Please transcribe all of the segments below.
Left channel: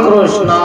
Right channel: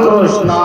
Krishna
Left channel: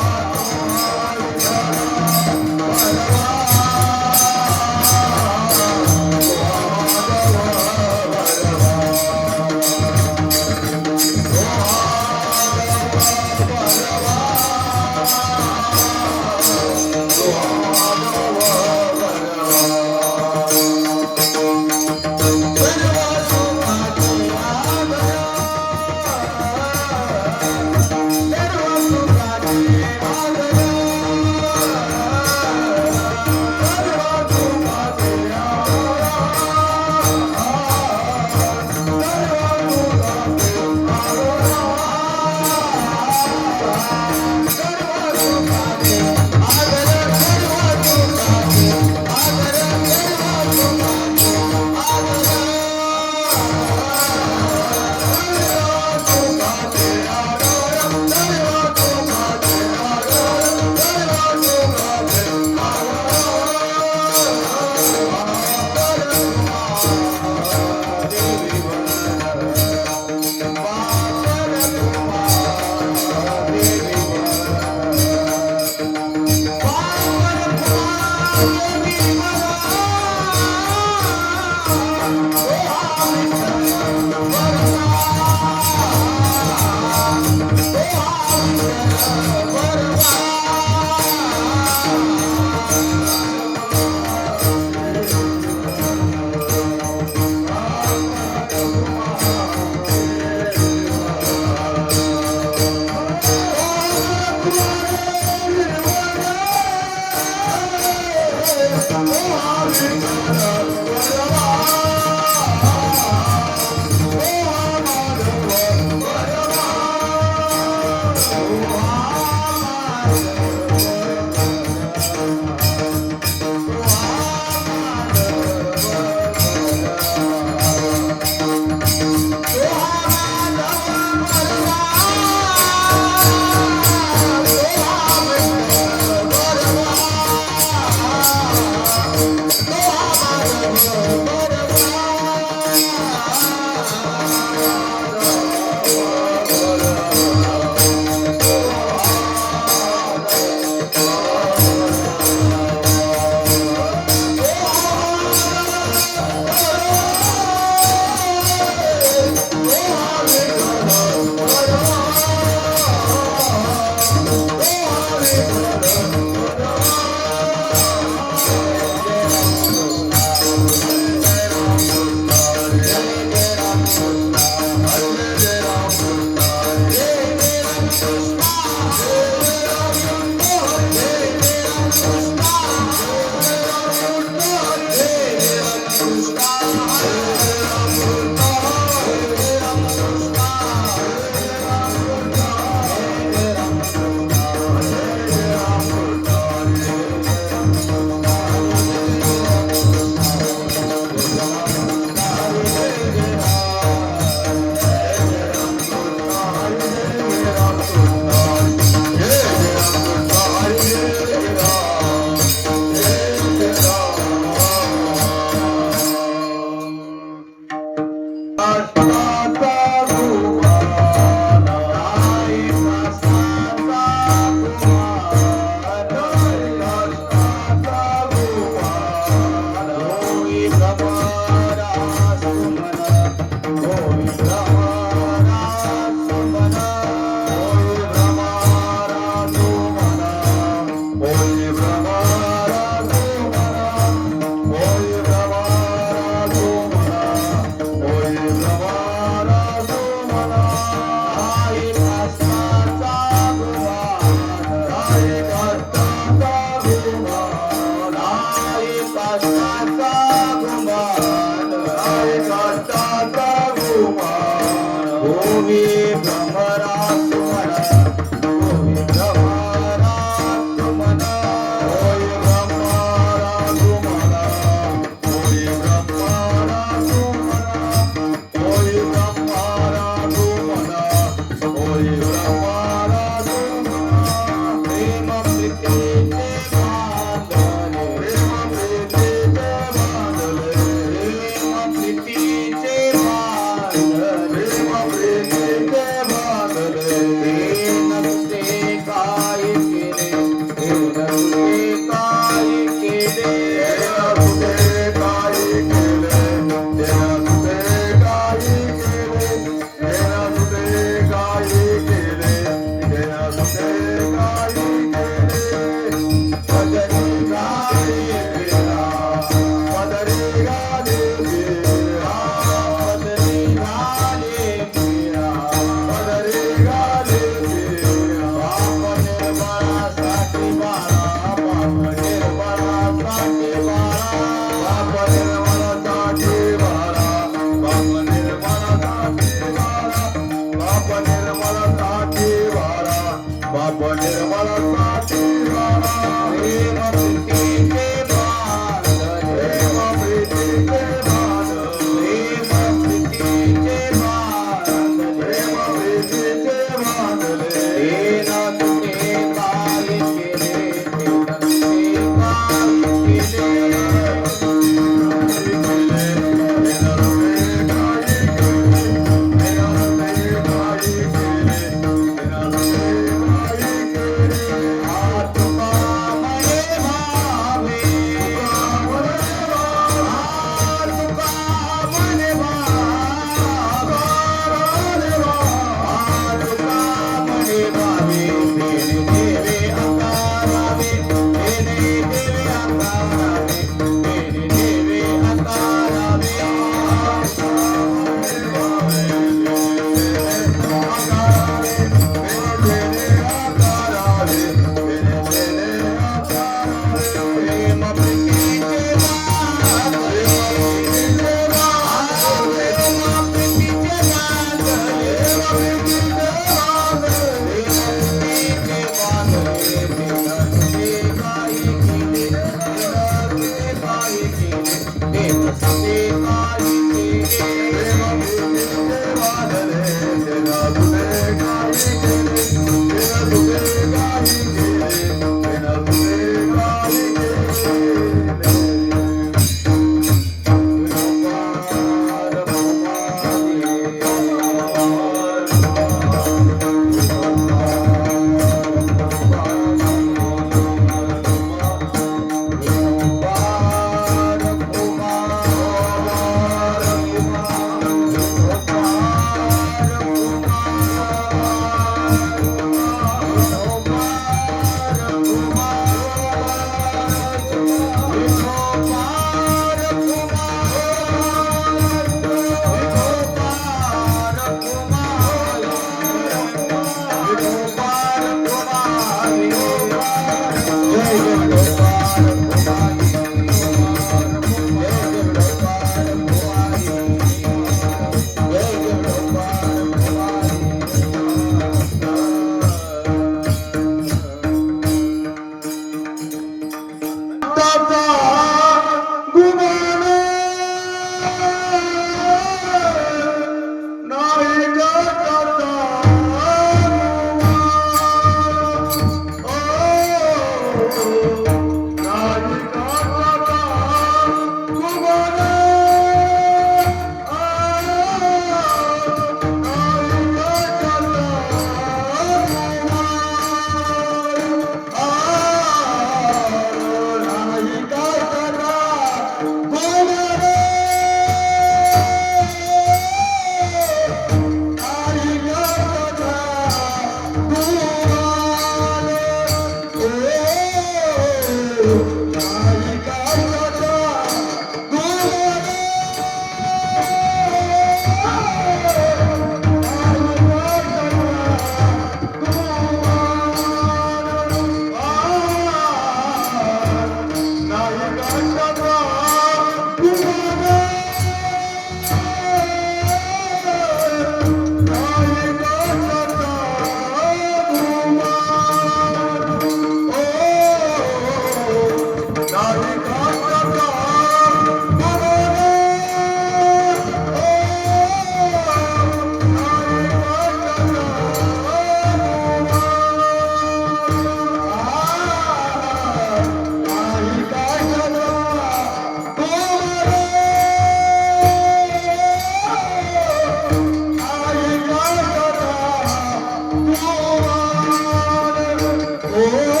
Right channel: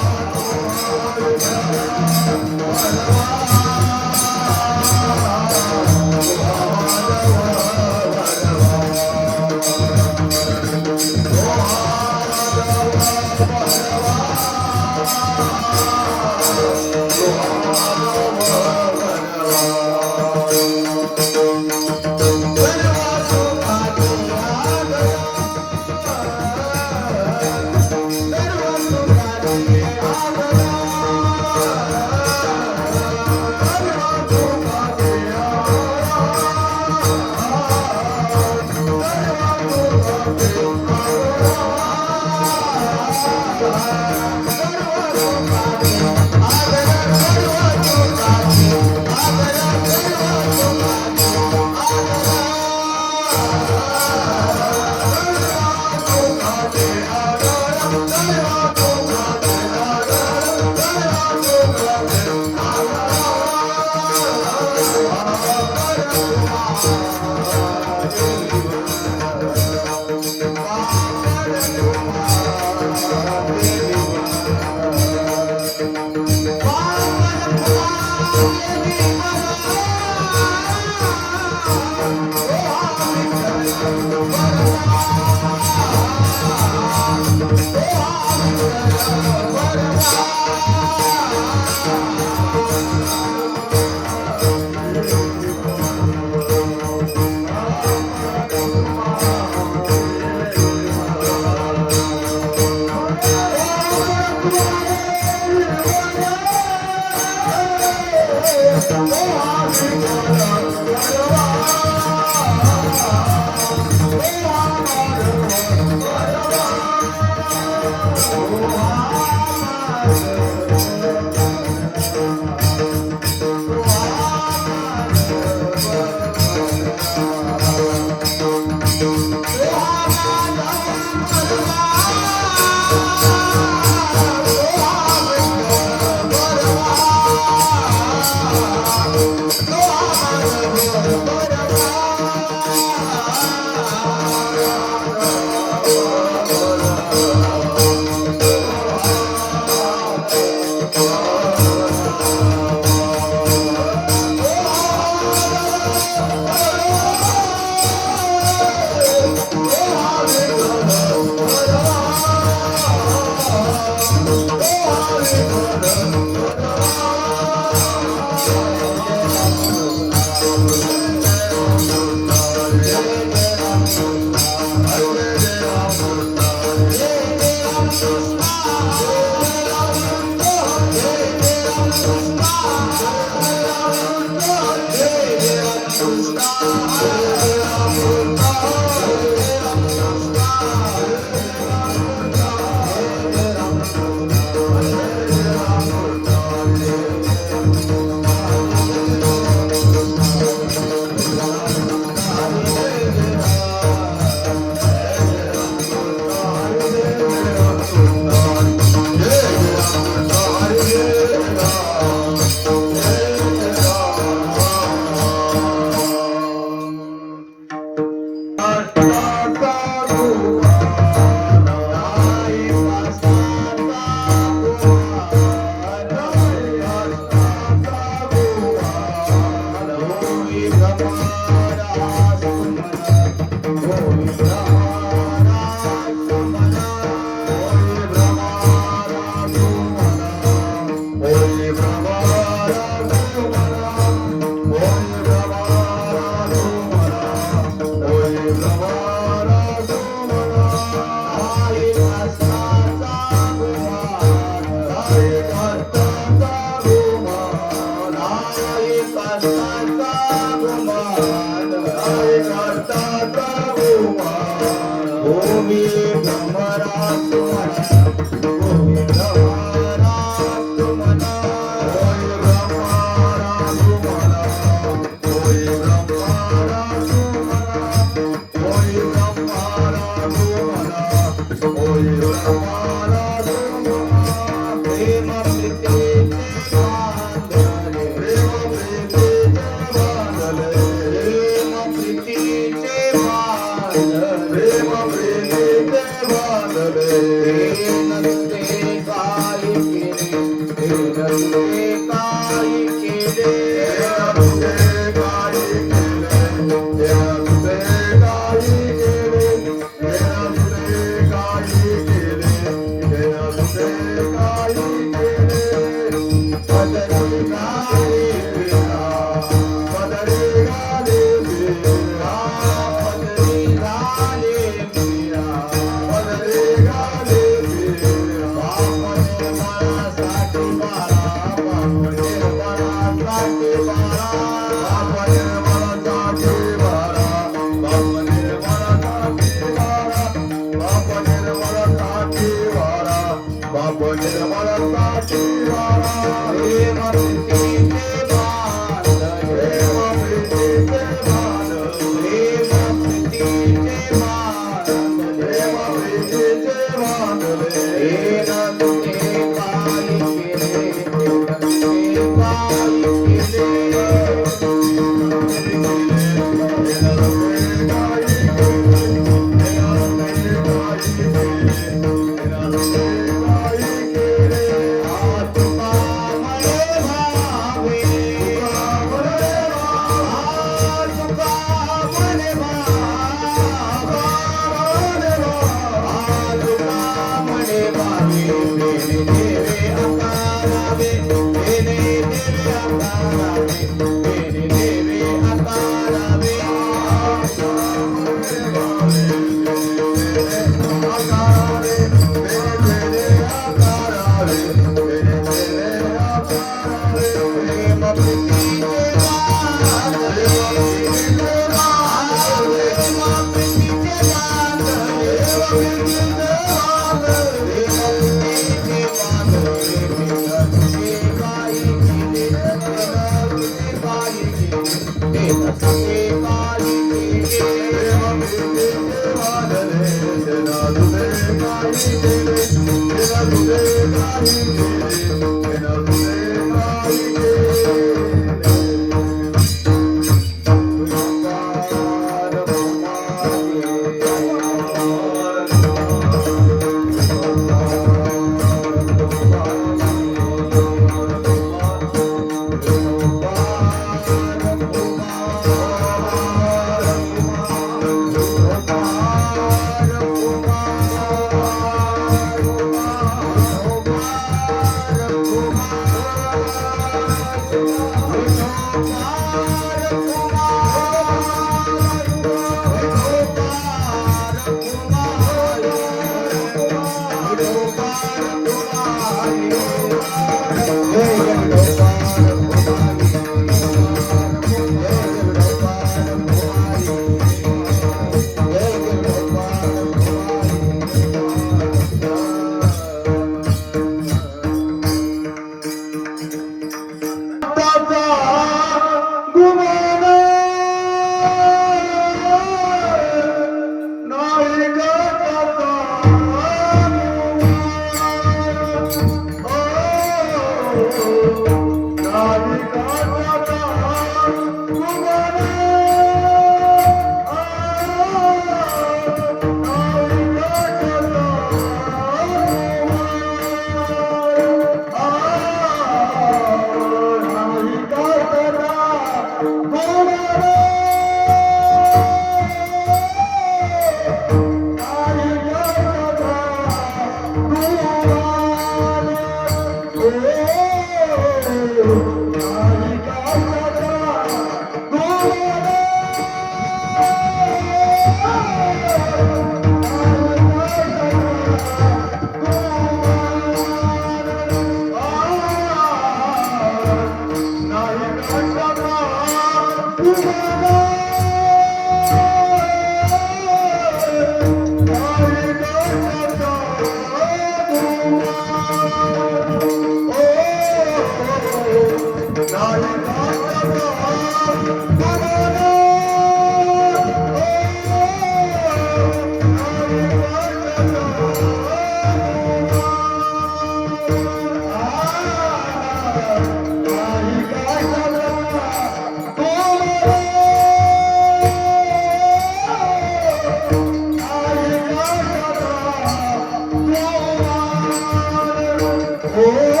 Oh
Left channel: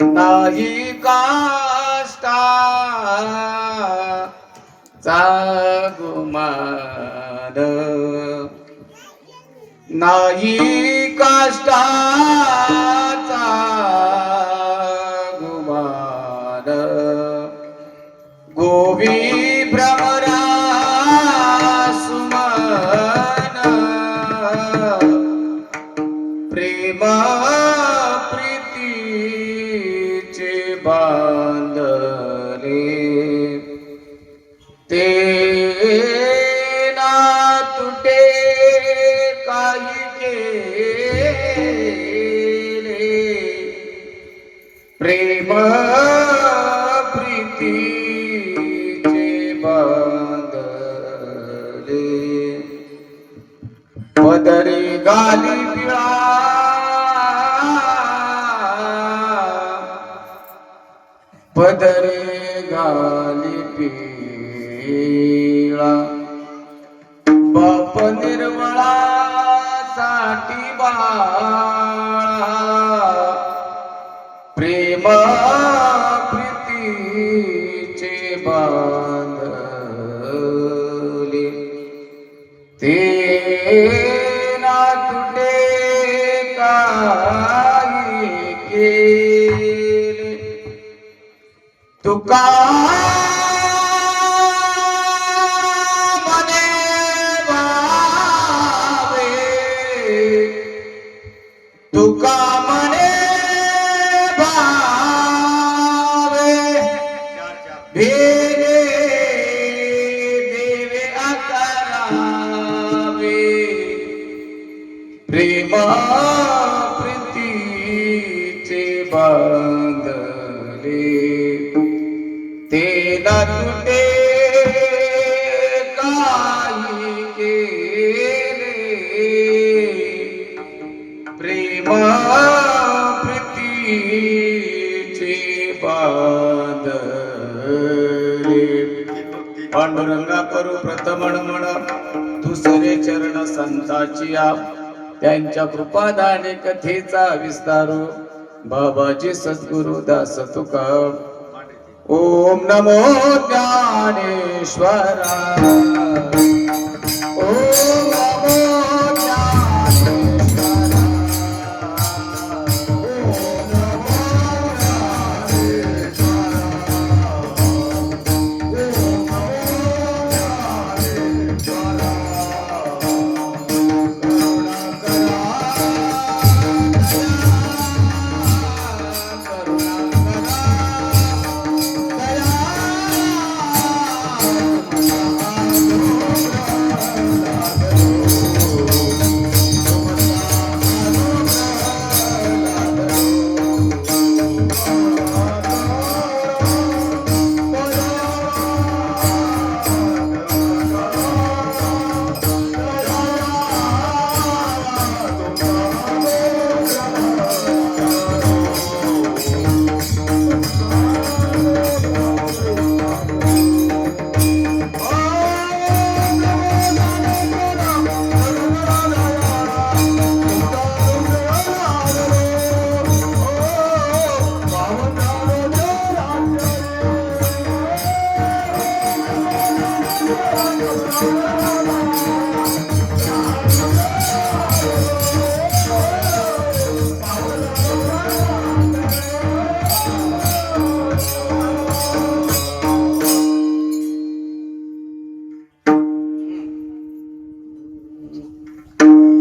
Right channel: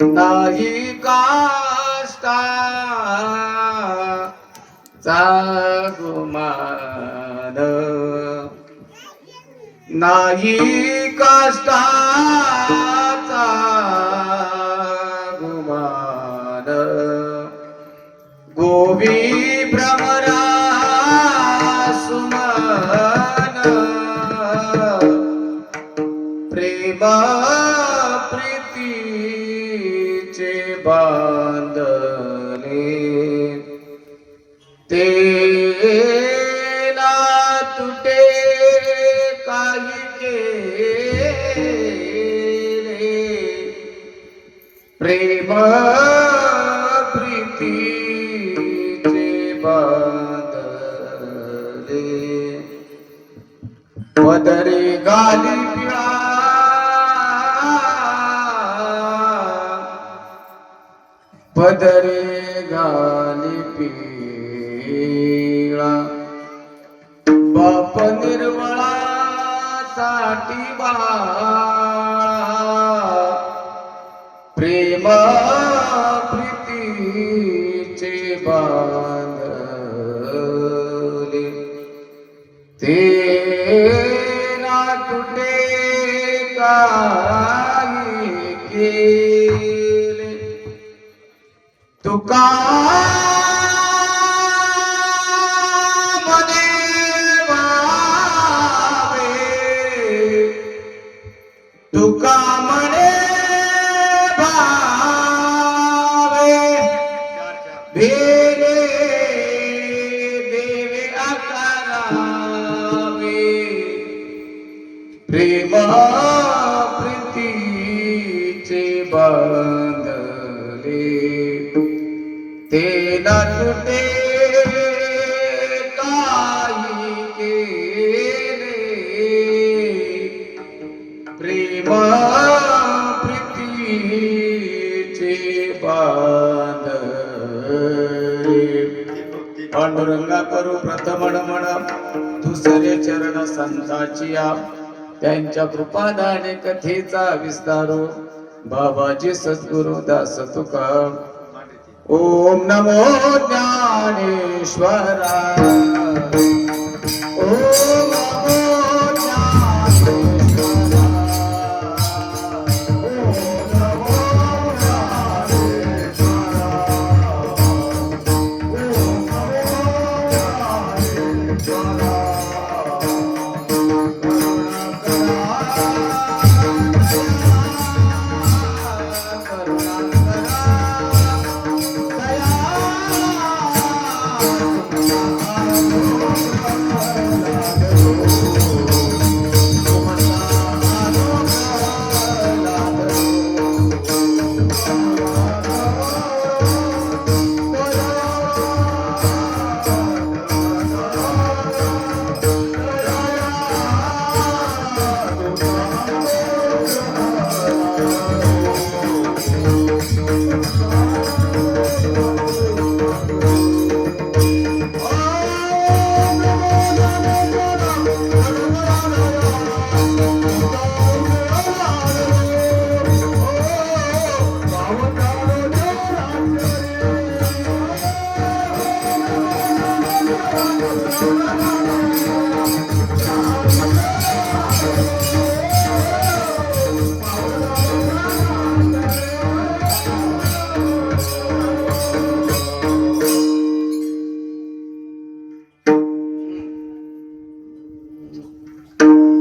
नाही काष्टा चा गुमान नाही काष्टाचा गुमान गोवी भ्रमरा सुमन प्रेम प्रीतीचे बांधले ते ना तुटे काही केले प्रेम प्रीतीचे बांधले पदरी गाली पिळा पदरी गाली पिळा बाप निर्मळा साठी बाळा प्रेम प्रीतीचे बांधले ते ना तुटे काही केले तुका मने भावे तुका मने भावे भेले देवे आकारावे प्रेम प्रीतीचे बांधले ते ना तुटे काही केले प्रेम प्रीतीचे बांधले पांडुरंगा करू प्रथमण म्हणा दुसरे चरण संताची त्यांच्या कृपादाने कथेचा विस्तारो बाबाजी सद्गुरु दास तुका. ओम नमो ज्ञानेश्वराय. ओम नमो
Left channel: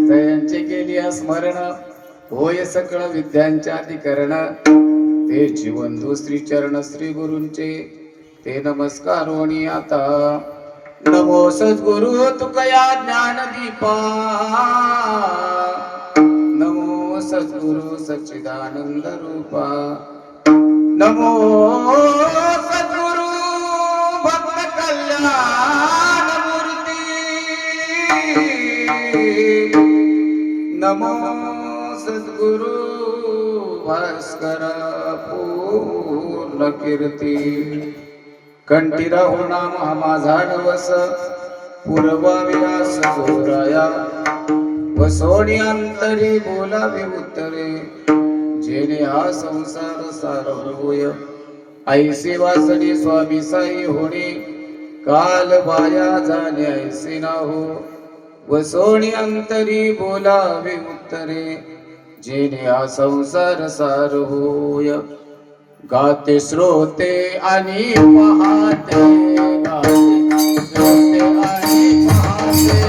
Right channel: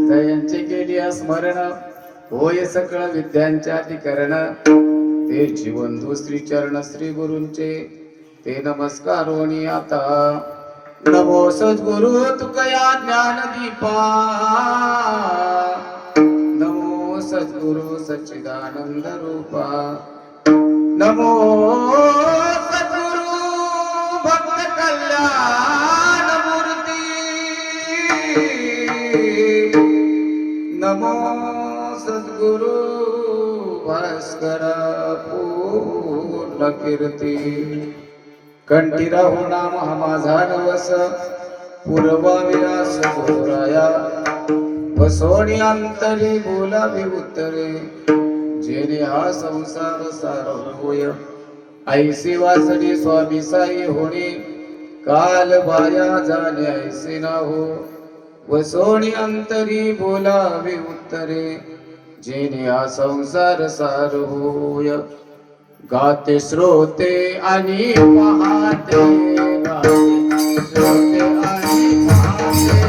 जयांचे केली स्मरण होय सकळ विद्यांच्या अधिकरण. ते जीवंधू श्री चरण श्री गुरूंचे ते नमस्कारोनी आता. नमो सद्गुरु तुकया ज्ञान दीपा. नमो सद्गुरु सच्चिदानंद रूपा. नमो सद्गुरु भक्त कल्याण मूर्ती. नमो सद्गुरु भास्कर पूर्ण कीर्ती. कंठी राहू नाम हा माझा नवस. पूर्वाविलास जोराया वसोनी अंतरी बोलावे उत्तरे. जेणे हा संसार सार होय ऐसे वासने स्वामी साई होणे. काल बाया जाणे ऐसे ना हो वसोनी अंतरी बोलावे उत्तरे. जेणे हा संसार सार होय. गाते श्रोते आणि पाहते. गाते श्रोते आणि पाहते.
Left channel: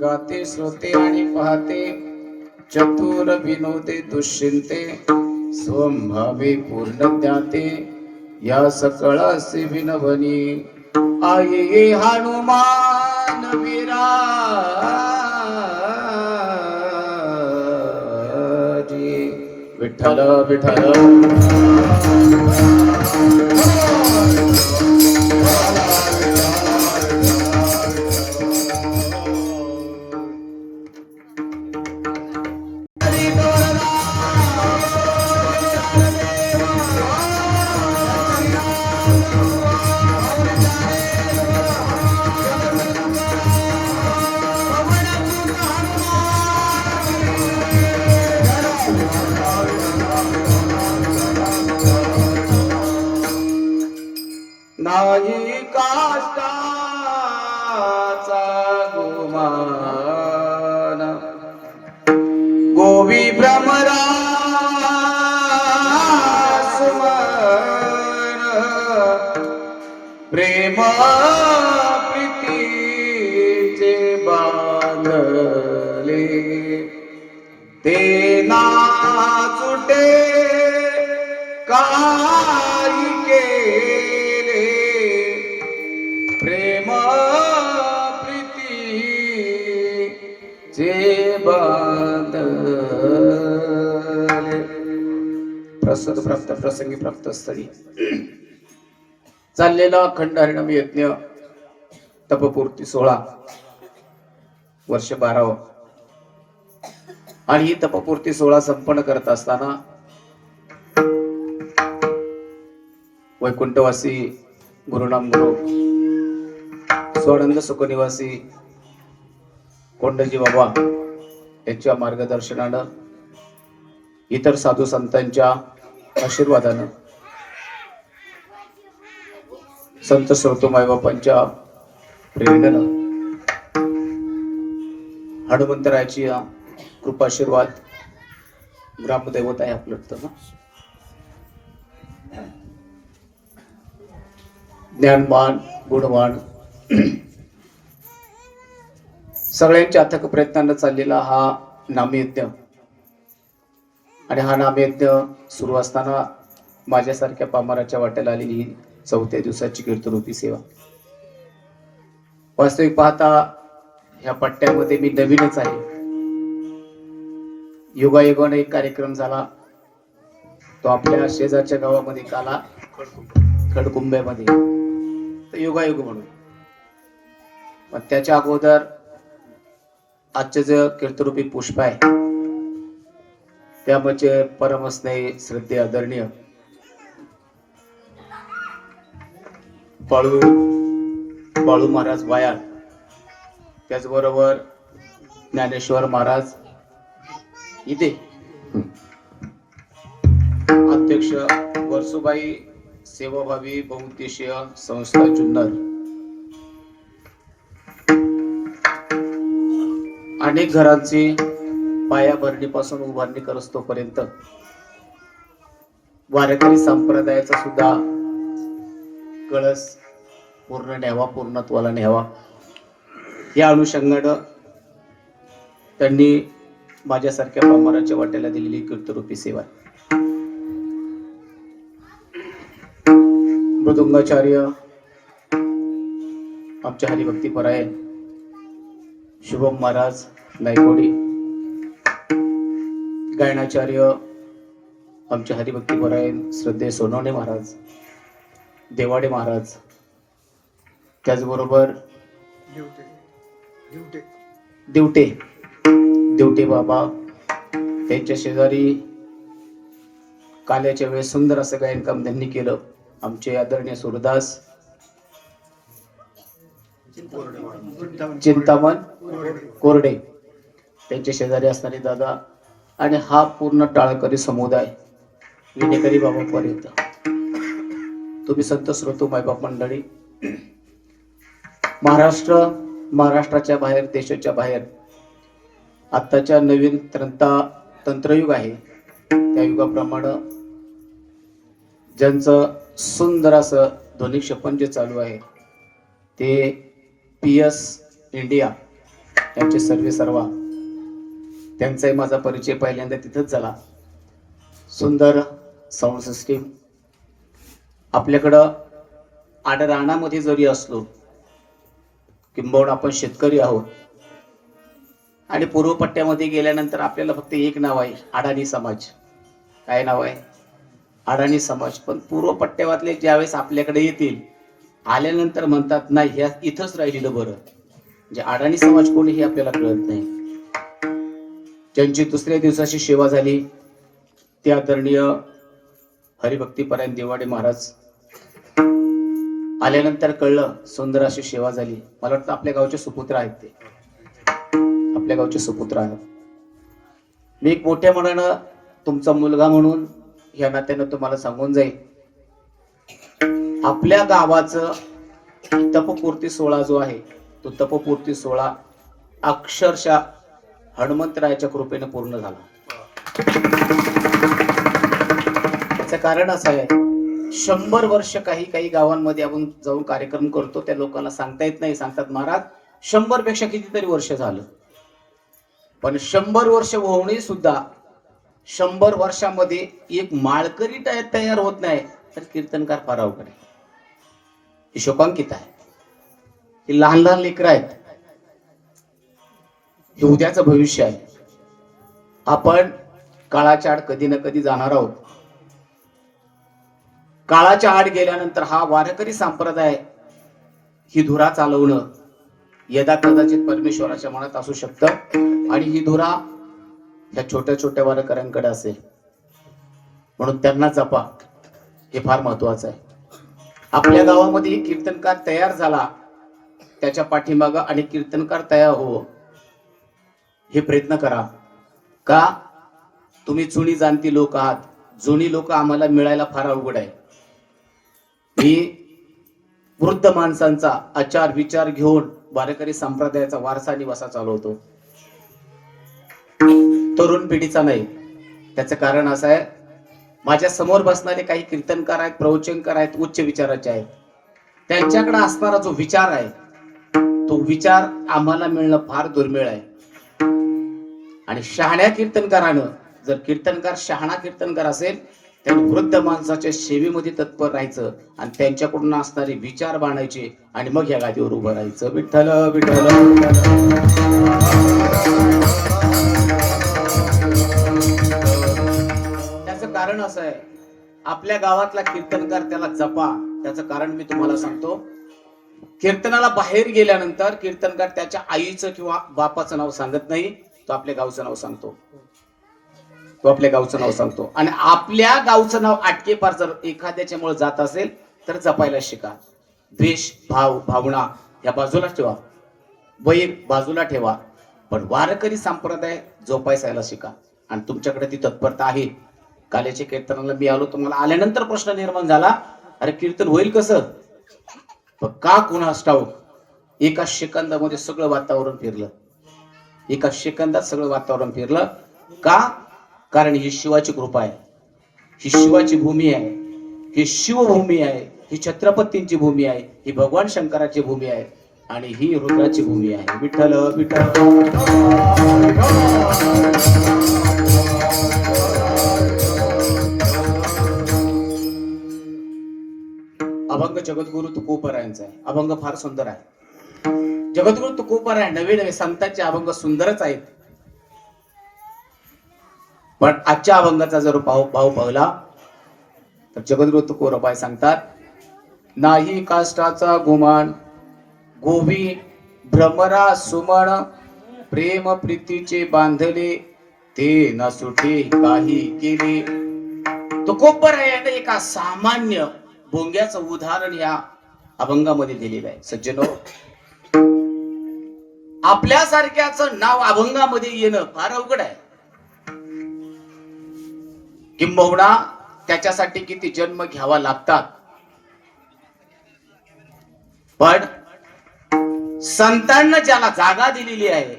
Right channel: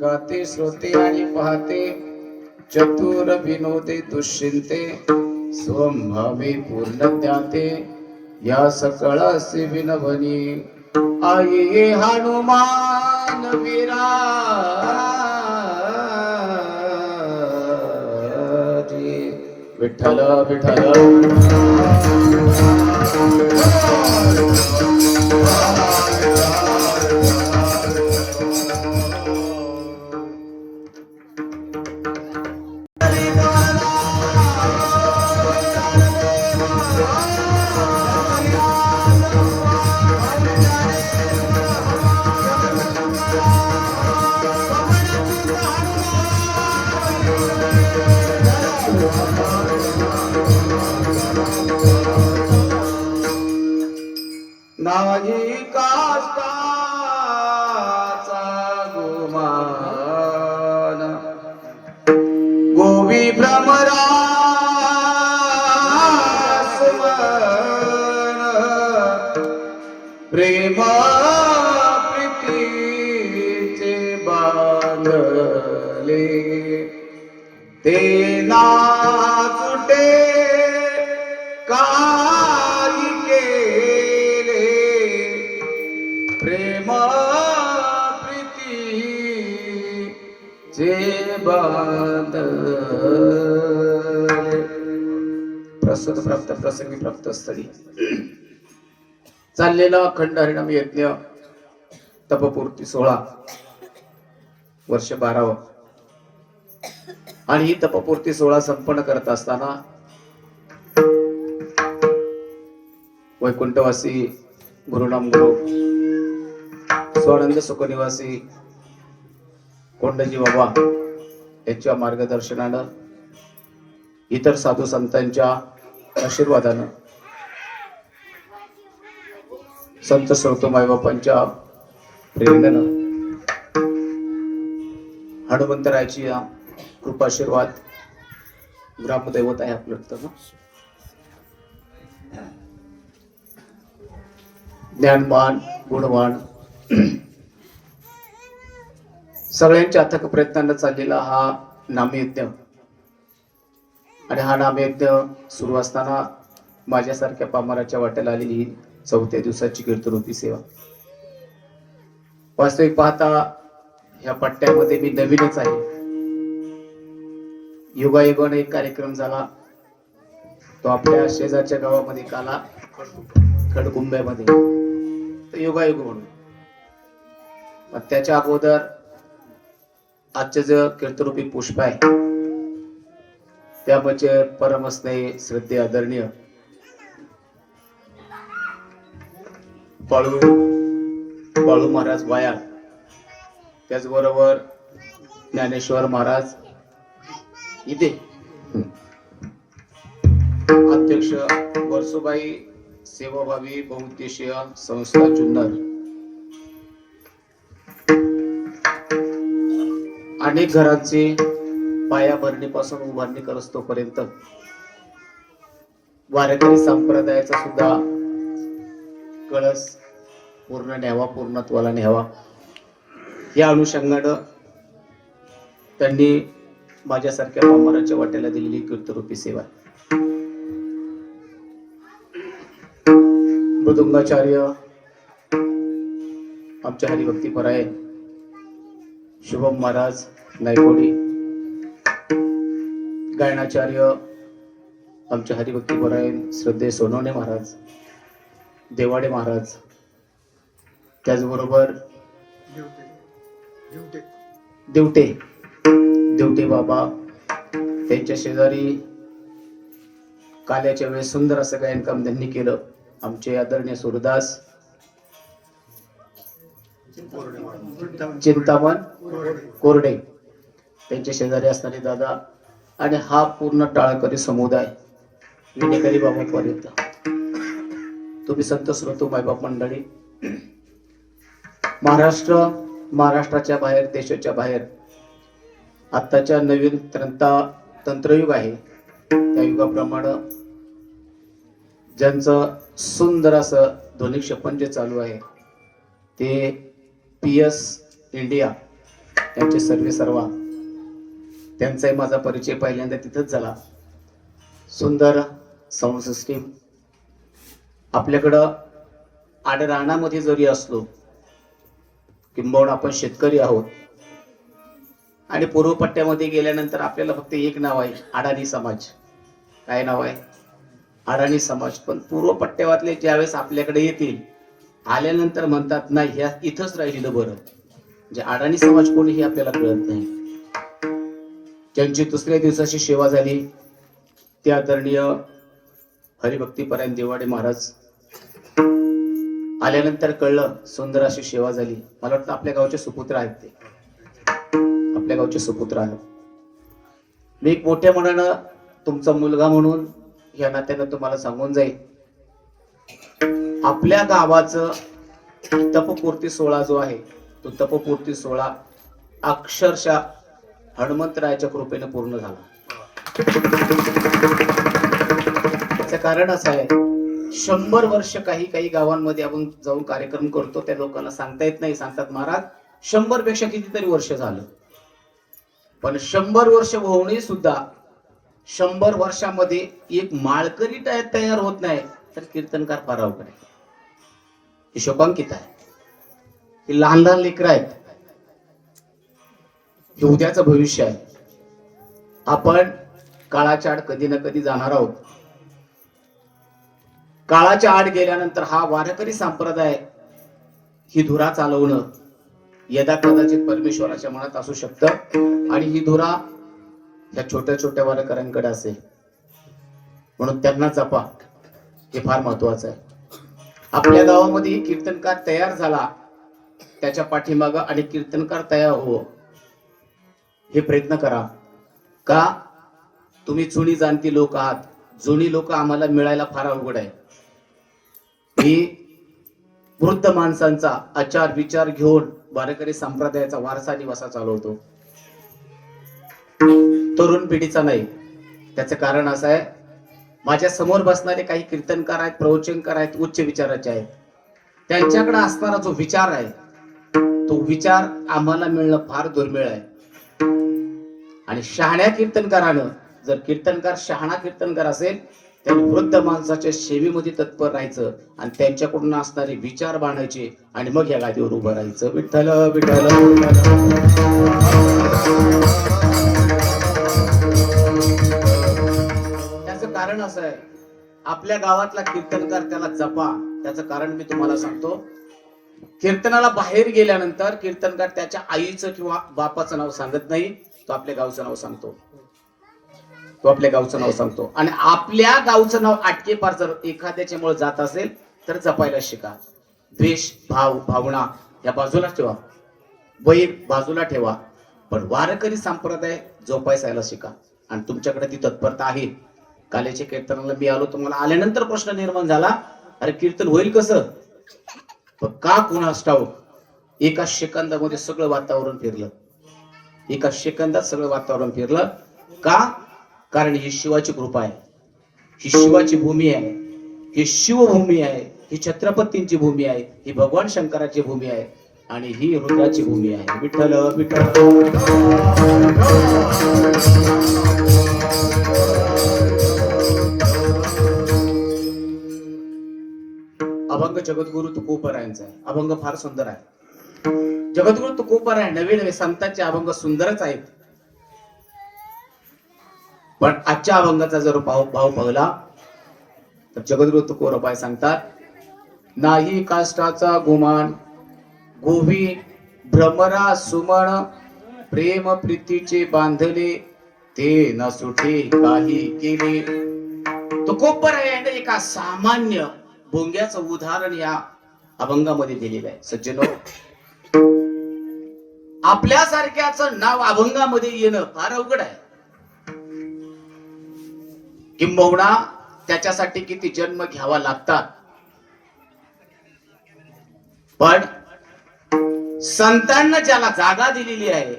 गाते श्रोते आणि पाहते. चतुर विनोदे दुश्चिंते. स्वभावे पूर्ण ज्ञाते. या सकळासे विनवनी. आई हनुमान विराजी. विठ्ठल विठ्ठल. गोवी भ्रमरा प्रेम प्रीतीचे बांधले ते नाचुटे काही केले प्रेम प्रीतीचे बांधले. प्रसंग प्राप्त प्रसंगी प्राप्त स्थळी चाललेला अखंड हरिनाम यज्ञ तपपूर्ती 16 वर्ष 12 आणि ही तपपूर्ती 16 संपन्न करत असताना वैकुंठवासी गुरुनाम गुरु स्वानंद सुखनिवासी कोंडजी बाबा यांच्या मार्गदर्शनानं इतर साधू संतांच्या आशीर्वादानं संत श्रोतो मायबापांच्या प्रेरणेनं हनुमंतरायाची कृपाशीर्वाद ग्रामदैवत आहे आपलं ज्ञानवान गुणवान सगळ्यांच्या अथक प्रयत्नांना चाललेला हा नामयज्ञ आणि हा नामयज्ञ सुरू असताना माझ्यासारख्या पामराच्या वाट्याला आलेली 4थ्या दिवसाची कीर्तनरूपी सेवा. वास्तविक पाहता ह्या पट्ट्यामध्ये मी नवीनच आहे. योगायोगाने एक कार्यक्रम झाला तो आपल्या शेजारच्या गावामध्ये काला खडकुंब्यामध्ये योगायोग म्हणून. त्याच्या अगोदर आजचे जे कीर्तनरूपी पुष्प आहे त्यामध्ये परमस्नेही श्रद्धेय आदरणीय बाळू महाराज वायाळ, त्याचबरोबर ज्ञानेश्वर महाराज इथे, अध्यक्ष वर्सुबाई सेवाभावी बहुउद्देशीय संस्था जुन्नर, अनेक घरांची पायाभरणीपासून उभारणी करस्तोपर्यंत वारकरी संप्रदायाचा सुद्धा कळस पूर्ण न्यावा, पूर्णत्वाला न्यावा या अनुषंगानं त्यांनी माझ्यासारख्या पामराच्या वाट्याला दिलेली कीर्तनरूपी सेवा. मृदुंगाचार्य आमच्या हरिभक्तीपरायण शुभम महाराज नायकोडी, गायनाचार्य आमचे हरिभक्तीपरायण श्रद्धेय सोनवणे महाराज, देवाडे महाराज, त्याचबरोबर देवटे बाबा, त्यांच्या शेजारी काल्याच्या वेळेस सुंदर असं गायन काम त्यांनी केलं आमचे आदरणीय सुरदास चिंतामण कोरडे, त्यांच्या शेजारी असणारे दादा आणि हा पूर्ण टाळकरी समुदाय विनेकरी बाबांपर्यंत तुम्ही संत श्रोतो मायबाप मंडळी, महाराष्ट्राच्या बाहेर, देशाच्या बाहेर आत्ताच्या नवीन तंत्रयुग आहे त्या युगाप्रमाणे ज्यांचं सुंदर असं ध्वनी क्षेपण जे चालू आहे ते PS इंडिया त्यांचे सर्वा त्यांचाही माझा परिचय पहिल्यांदा तिथंच झाला. सुंदर साऊंड सिस्टीम. आपल्याकडं आडरानामध्ये जरी असलो किंबहुना आपण शेतकरी आहोत आणि पूर्व पट्ट्यामध्ये गेल्यानंतर आपल्याला फक्त एक नाव आहे, अडाणी समाज. काय नाव आहे? अडाणी समाज. पण पूर्व पट्ट्यावातले ज्यावेळेस आपल्याकडे येतील आल्यानंतर म्हणतात नाही ह्या इथंच राहिलेलं बरं. म्हणजे अडाणी समाज कोणी हे आपल्याला कळत नाही. ज्यांची 2ऱ्या दिवसाची सेवा झाली ते आदरणीय हरिभक्तीपरायण देवाडे महाराज आल्यानंतर कळलं सुंदर अशी सेवा झाली. मला वाटतं आपल्या गावचे सुपुत्र आहेत, ते आपल्या गावचे सुपुत्र आहेत. मी एक मोठ्या मनानं तुमचा मुलगा म्हणून या नात्यानं तुम्हाला सांगून जाईल, आपल्या गावाचं तपपूर्ती 16 जो आहे तो तपपूर्ती 16 अक्षरशः हनुमंतरायाच्या कृपेने पूर्ण झाला. त्याचं कारण असं आहे, 100 वर्ष काही काही गावांमध्ये आपण जाऊन कार्यक्रम करतो, त्या लोकांना सांगता येत नाही. सांगतात महाराज 100 पेक्षा कितीतरी वर्ष झालं. पण 100 वर्ष होऊनही सुद्धा 100 वर्षामध्ये एक माळकरी तयार होत नाही, तर कीर्तनकार फार अवघड आहे. हे शोकांकित आहे. हे लहान लहान लेकरं आहेत. हे उद्याचं भविष्य आहे. आपण काळाच्या आड कधी ना कधी जाणार आहोत. काळाच्या आड गेल्यानंतर हा वारकरी संप्रदाय ही धुरा चालवणं यदा कदाचित परमेश्वराच्या मनात असू शकतं, आणि ही धुरा या छोट्या छोट्या वारकऱ्यांकडे असेल. म्हणून त्यांना जपा, हे फार महत्वाचं आहे. आपल्या गावामध्ये कीर्तनकार तयार झाला, त्याच्या पाठीमागं आणि कीर्तनकार तयार हो हे प्रयत्न करा. का? तुम्ही जुनी जाणती लोक आहात. जुनी लोक आम्हाला मिळायला फार अवघड आहे. मी वृद्ध माणसांचा आचार विचार घेऊन वारकरी संप्रदायाचा वारसा निवासा चालवतो, तरुण पिढीचा नाही. त्याचं कारण असं आहे, माझ्या समोर बसणारे काही कीर्तनकार आहेत, प्रवचनकार आहेत, उच्च विचाराचे आहेत. त्यांच्याकडे असणारा जो विचार आहे, तो विचार आम्हाला मिळणं फार दुर्मिळ आहे. आणि शहाण्या कीर्तनकारानं, जर कीर्तनकार शहाणा कीर्तनकार असेल, त्यांनी वृद्ध माणसाच्या सेवेमध्ये तत्पर राहायचं आणि त्यांच्याकडून असणारे विचार बांधायचे आणि मग या गादीवर उभं राहायचं. विठ्ठल विठ्ठल. त्याचं कारण असं आहे, आपल्या गावातला कीर्तनकार त्याला जपा. त्याचं कारण मी तुम्हाला सांगतो. कीर्तनाला बाहेर गेल्यानंतर कीर्तनकार त्याच्या आईचं किंवा बापाचं नाव सांगत नाही, तो आपल्या गावचं नाव सांगतो. तो आपल्या गावचं नाव सांगतो. आणि आपल्या गावचं नाव आटके पार जर एखाद्याच्या मुळे जात असेल तर जपायला शिका. द्वेष भाव भावना या बाजूला ठेवा, वैर बाजूला ठेवा, पण वारकरी संप्रदाय जोपासायला शिका. आणि तुमच्याकडे ती तत्परता आहे. कालेच्या कीर्तनाला मी आलो, तुम्हाला आल्यानंतर प्रश्न निर्माण झाला, अरे कीर्तन होईल कसं? का कुणास ठाऊक एका सेकंदामध्ये सगळं वातावरण फिरलं. एका सेकंदात सगळं वातावरण फिरलं. का? कारण ही शिवाची कृपा आहे, ही शिवाची भूमी आहे, ही शिवभूमी आहे, ही छत्रपतींची भूमी आहे, ही भगवान शंकराची भूमी आहे, आणि ही रुद्राची भूमी आहे. विठ्ठल विठ्ठल. अभंग जगद्गुरु तुकोबरायांचा आहे. अभंग फार सुंदर आहे. जगद्गुरु तुकोबराय नवे नवे संतांचे अभंग सुंदरच आहेत. पण आजच्या अभंगाचा जर भाव पावला तर जगद्गुरु तुकोबराय सांगतात, नाही काष्टाचा गुमान गोवी भ्रमरा सुमन, प्रेम प्रीतीचे बांधले ते न सुटे काही केले. तुकोबरायाने एका सामान्य भोंग्याचं उदाहरण या अभंगामध्ये दिलेलं आहे. सज्जनो, आपल्यासारख्याचं नाव अभंगामध्ये येणं फार अवघड आहे. किंबहुना त्याच्यासाठी किती जन्म घ्यावा लागतात. पण संतांना ज्याला जागा दिलेली आहे,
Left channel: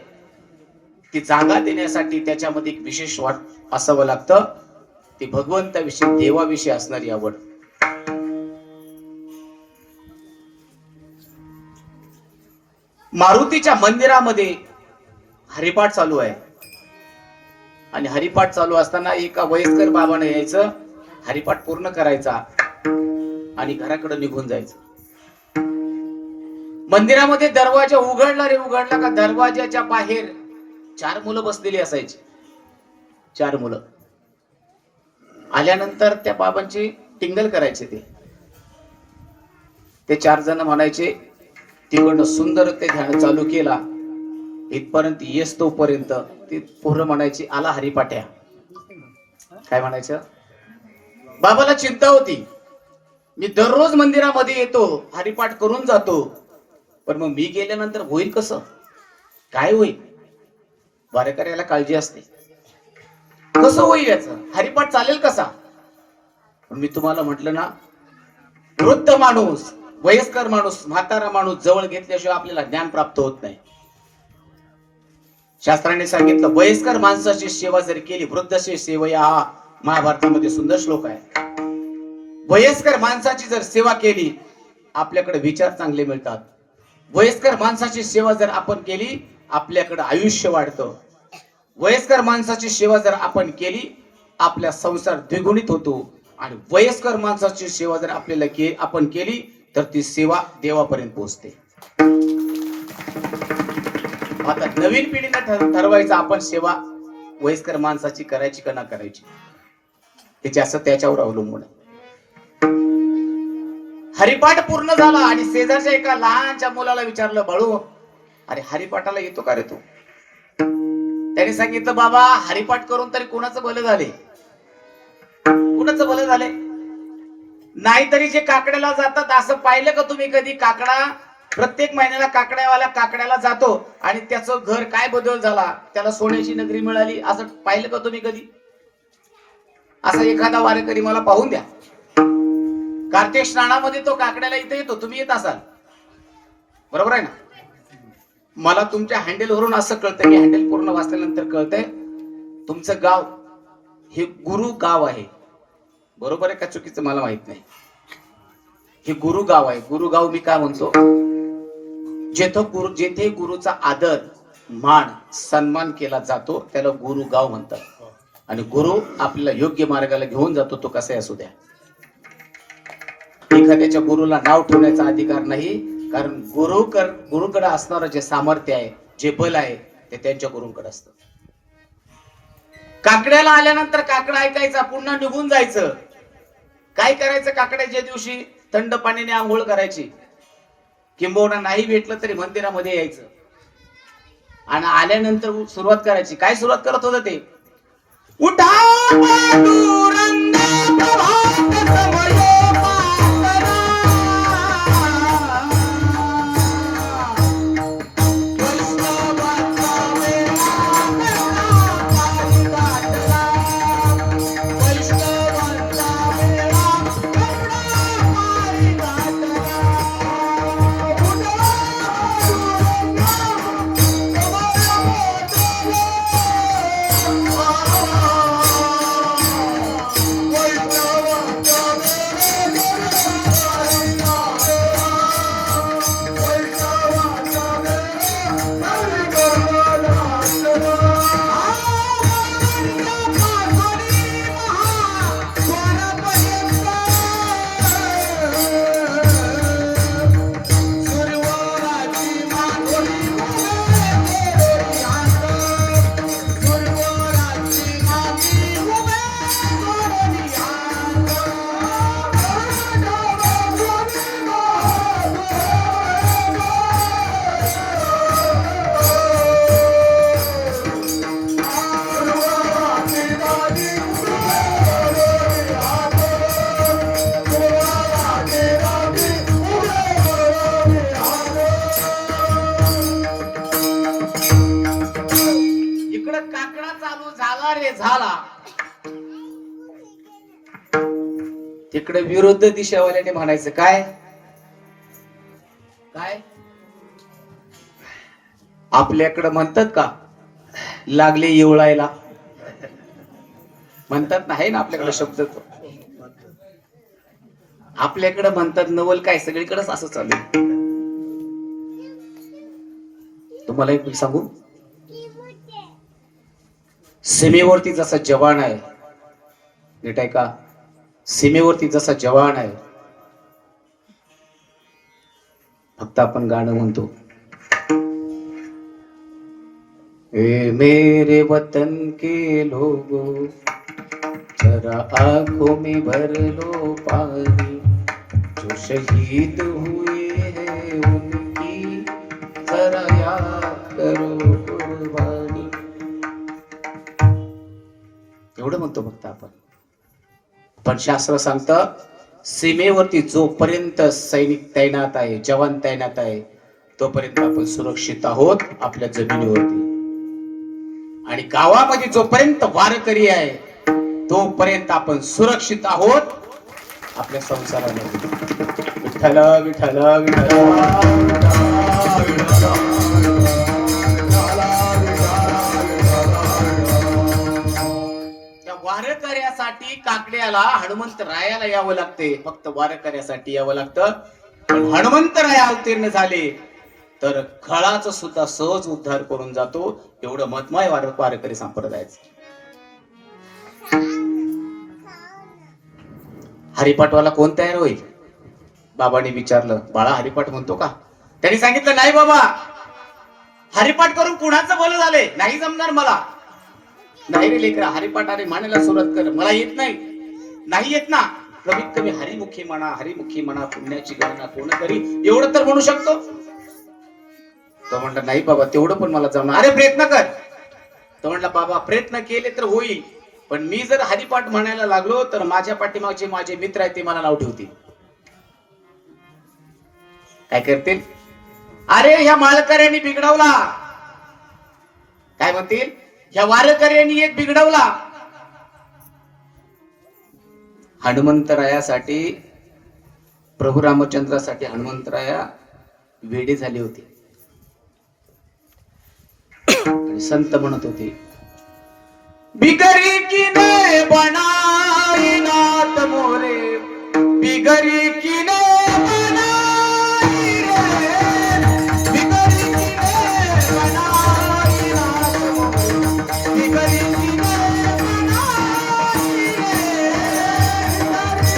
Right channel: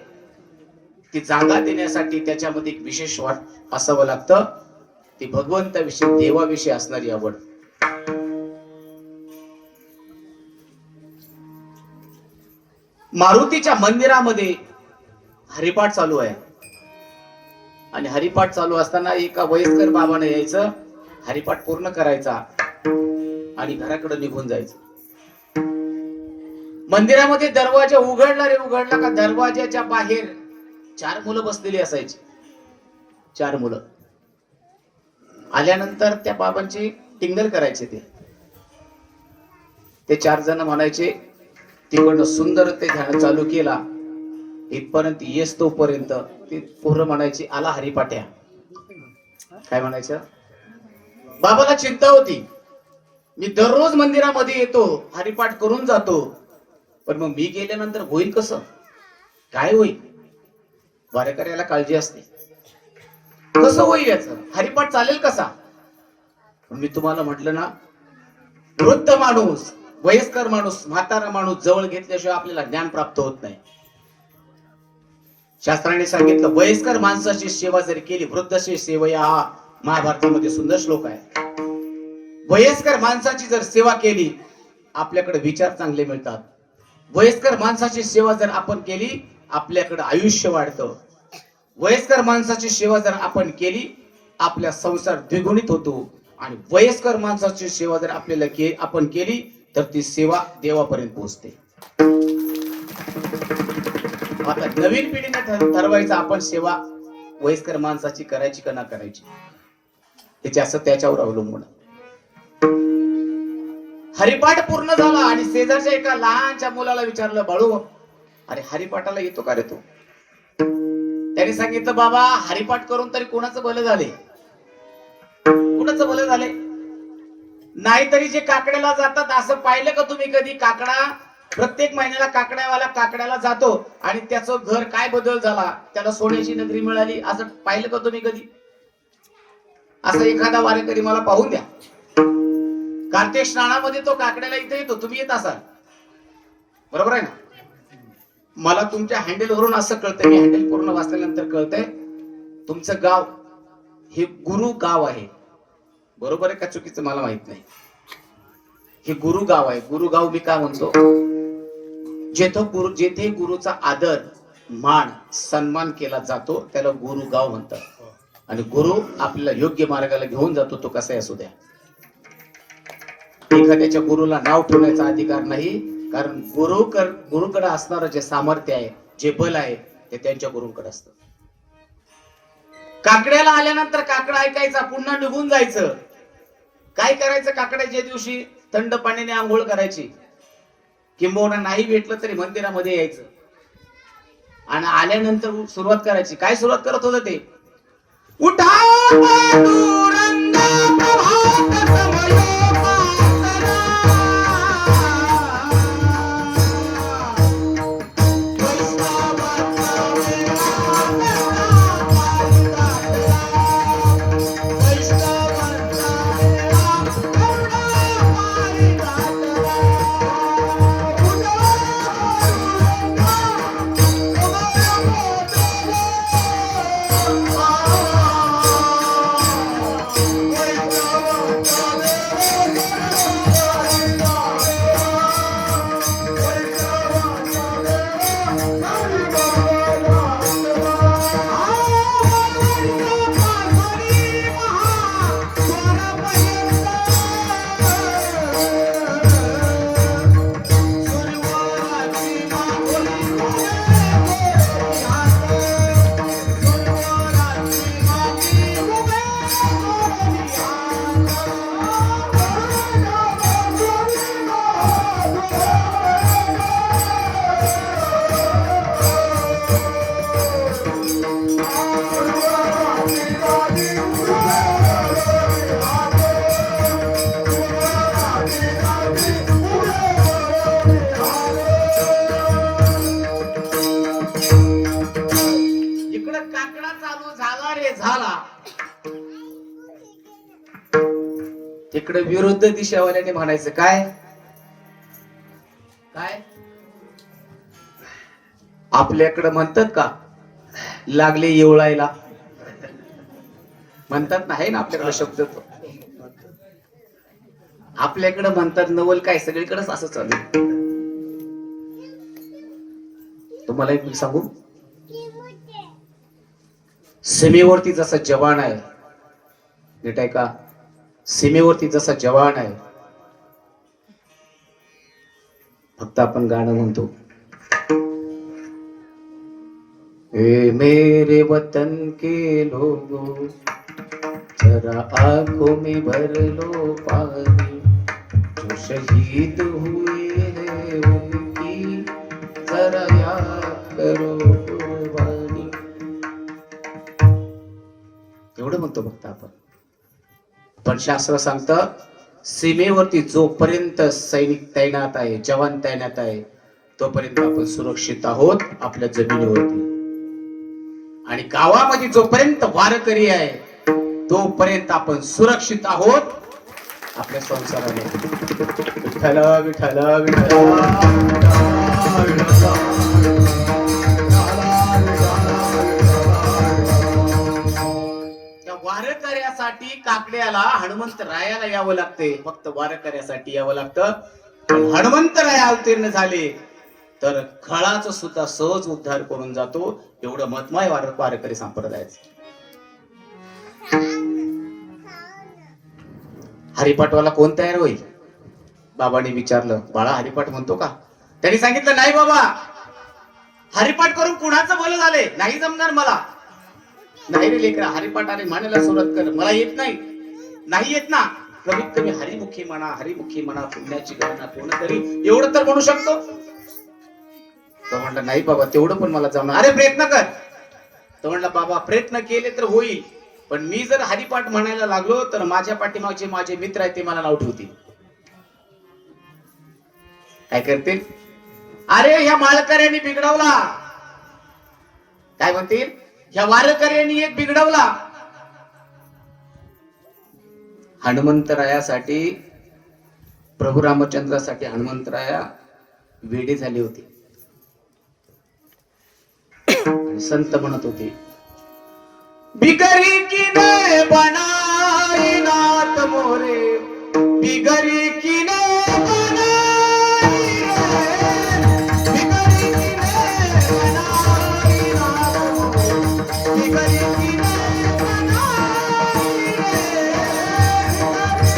ती जागा देण्यासाठी त्याच्यामध्ये एक विशेष वाट असावं लागतं. ती भगवंताविषयी देवाविषयी असणारी आवड. मारुतीच्या मंदिरामध्ये हरिपाठ चालू आहे, आणि हरिपाठ चालू असताना एका वयस्कर बाबाने यायचं, हरिपाठ पूर्ण करायचा आणि घराकडे निघून जायचं. मंदिरामध्ये दरवाजा उघडला का दरवाजाच्या बाहेर 4 मुलं बसलेली असायची. 4 मुलं आल्यानंतर त्या बाबांची टिंगल करायचे. ते 4 जण म्हणायचे, तिकडनं सुंदर ते ध्यान चालू केला, इथपर्यंत येस तोपर्यंत ती पोरं म्हणायची, आला हरिपाट्या. काय म्हणायचं? बाबाला चिंता होती, मी दररोज मंदिरामध्ये येतो, हरिपाठ करून जातो, पण मग मी गेल्यानंतर होईल कसं? काय होईल? वारकऱ्याला काळजी असते, कसं होईल याचं? हरिपाठ चालेल कसा? पण मी तुम्हाला म्हटलं ना, वृद्ध माणूस, वयस्कर माणूस, म्हातारा माणूस जवळ घेतल्याशिवाय आपल्याला ज्ञान प्राप्त होत नाही. शास्त्राने सांगितलं वयस्कर माणसाची सेवा जर केली, वृद्धसे सेवया हा महाभारतामध्ये सुंदर श्लोक आहे. वयस्कर माणसाची जर सेवा केली आपल्याकडे विचार चांगले मिळतात. वयस्कर माणसाची सेवा जर आपण केली आपल्याकडे आयुष्य वाढतं. वयस्कर माणसाची सेवा जर आपण केली आपला संसार द्विगुणित होतो. आणि वयस्कर माणसाची सेवा जर आपल्याला आपण केली तर ती सेवा देवापर्यंत पोहोचते. आता नवीन पिढीने ठरवायचं आपण सेवा वयस्कर माणसाची करायची का ना करायची, हे जास्त त्याच्यावर अवलंबून. हरिपाठ पूर्ण झाला आणि शेजारच्या एका लहानच्या मुलाला विचारलं, बाळू अरे हरिपाठाला येतो का रे तू? त्याने सांगितलं, बाबा हरिपाठ करून तरी कोणाचं भलं झाले? कुणाचं भलं झाले? नाहीतरी जे काकड्याला जातात असं पाहिलं का तुम्ही कधी? काकडा प्रत्येक महिन्याला काकड्याला जातो आणि त्याचं घर काय बदल झाला, त्याला सोन्याची नगरी मिळाली, असं पाहिलं का तुम्ही कधी? असं एखादा वारकरी मला पाहून द्या. कार्तिक स्नानामध्ये तो काकड्याला इथे येतो, तुम्ही येत असाल, बरोबर आहे ना? मला तुमच्या हँडल वरून असं कळतंय, मी हँडल पूर्ण वाचल्यानंतर कळतंय तुमचं गाव हे गुरु गाव आहे. बरोबर आहे का चुकीचं मला माहित नाही. हे गुरु गाव आहे. गुरु गाव मी काय म्हणतो, जेथे गुरुचा आदर मान सन्मान केला जातो त्याला गुरु गाव म्हणतात. आणि गुरु आपल्याला योग्य मार्गाला घेऊन जातो, तो कसाही असू द्या. एखाद्याच्या गुरुला नाव ठेवण्याचा अधिकार नाही, कारण गुरुकडे असणारं जे सामर्थ्य आहे, जे बल आहे, ते त्यांच्या गुरुकडे असतं. काकड्याला आल्यानंतर काकडा ऐकायचा, पुन्हा निघून जायचं. काय करायचं? काकड्याच्या दिवशी थंड पाण्याने आंघोळ करायची, किंबहुना नाही भेटलं तरी मंदिरामध्ये यायचं आणि आल्यानंतर सुरुवात करायची. काय सुरुवात करत होतं ते? उठा तिकडे विरुद्ध दिशेवाल्याने म्हणायचं काय काय? आपल्याकडे म्हणतात का लागले येवळायला, म्हणतात ना, आहे ना आपल्याकडे शब्द तो. आपल्याकडे म्हणतात नवल काय, सगळीकडेच असं चालू. तुम्हाला एक सांगू, सीमेवरती जसा जवान आहे, नीट आहे का, सीमेवरती जसा जवान आहे, फक्त आपण गाणं म्हणतो, ए मेरे वतन के लोगों जरा आंखों में भर लो पानी, जो शहीद हुए हैं उनकी जरा याद करो कुर्बानी. एवढं म्हणतो फक्त आपण. पण शास्त्र सांगतं सीमेवरती जोपर्यंत सैनिक तैनात आहे, जवान तैनात आहे, तोपर्यंत आपण सुरक्षित आहोत आपल्या जमिनीवरती. आणि गावामध्ये जोपर्यंत वारकरी आहे तोपर्यंत आपण सुरक्षित आहोत आपल्या संसारामध्ये. विठ्ठल विठ्ठल विठ्ठल. वारकऱ्यासाठी काकड्याला हनुमंतरायाला यावं लागते, फक्त वारकऱ्यासाठी यावं लागतं. पण हनुमंतराय अवतीर्ण झाले तर खळाचा सुद्धा सहज उद्धार करून जातो. एवढं महत्त्व वारकरी संप्रदायाचं. हरिपाठवाला कोण तयार होईल? बाबांनी विचारलं, बाळा हरिपाठ म्हणतो का? त्यांनी सांगितलं, नाही बाबा, हरिपाठ करून कुणाचं भलं झाले, नाही जमणार मला. नाही रे लेकरा, हरिपाठ आणि म्हणायला सुरुवात कर. मला येत नाही. नाही येत ना, कमीत कमी हरिमुखी म्हणा, पुण्याची गणना कोणतरी एवढं तर म्हणू शकतो. तो म्हणला, नाही बाबा, तेवढं पण मला जमणार. अरे प्रयत्न कर. तो म्हणला, बाबा प्रयत्न केले तर होईल, पण मी जर हरिपाठ म्हणायला लागलो तर माझ्या पाठीमागचे माझे मित्र आहेत ते मला नाव ठेवतील. काय करतील? अरे ह्या माळकऱ्यांनी बिघडवला. काय म्हणतील? ह्या वारकऱ्यांनी एक बिघडवला. हनुमंतरायासाठी, प्रभू रामचंद्रासाठी हनुमंतराया वेडे झाले होते. आणि संत म्हणत होते, बिगरी की ने बनाई नाथ मोरे, बिगरी की ने बनाई रे, बिगरी की ने बनाई नाथ मोरे, बिगरी की ने बनाई रे.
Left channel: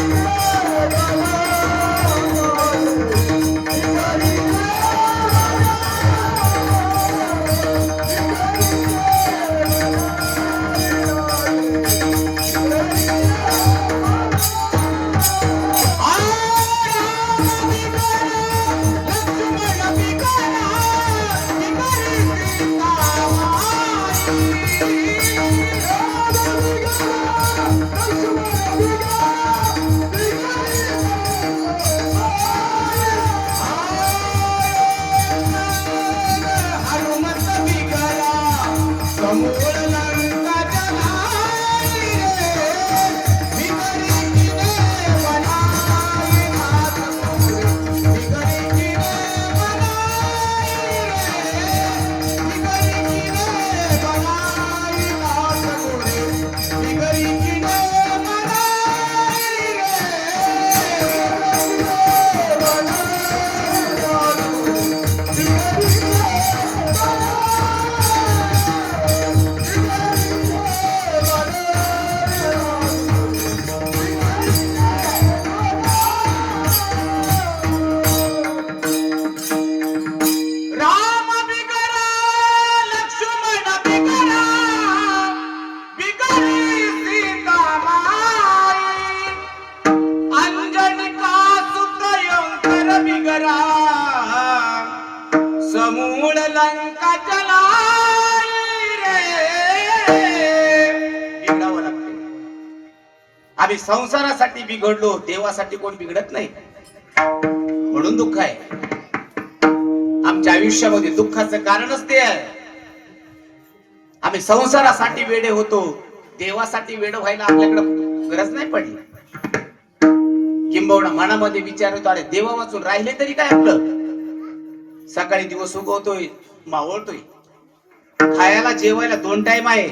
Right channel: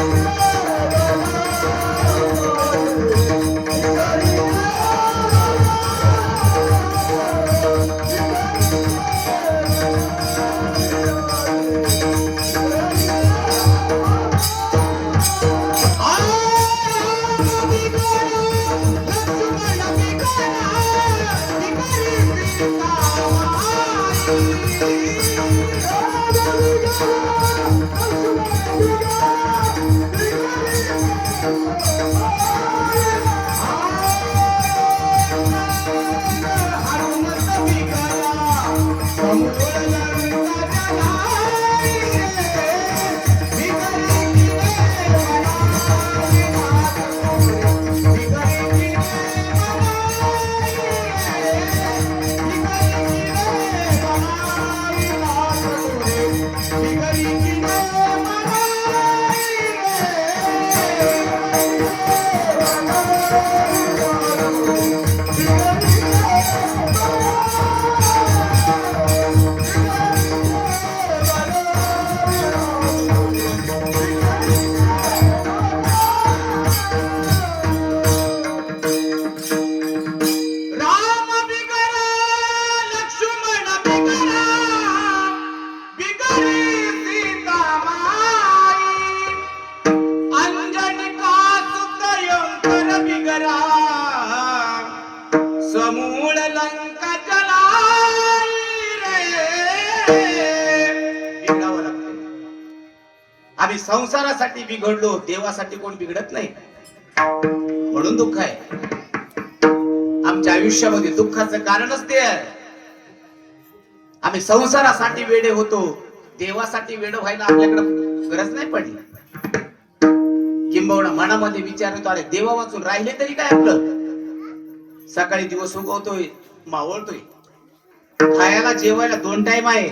आम्ही संसारासाठी बिघडलो, देवासाठी कोण बिघडत नाही. म्हणून दुःख आहे आमच्या आयुष्यामध्ये. दुःखाचं कारणच ते आहे. आम्ही संसारासाठी वेडे होतो, देवासाठी वेड व्हायला आपल्याकडे गरज नाही पडली. किंबहुना मनामध्ये विचार येतो, अरे देवा वाचून राहिले तरी काय आपलं. सकाळी दिवस उगवतोय, मावळतोय, खायला जेवायला 2 टाइम आहे,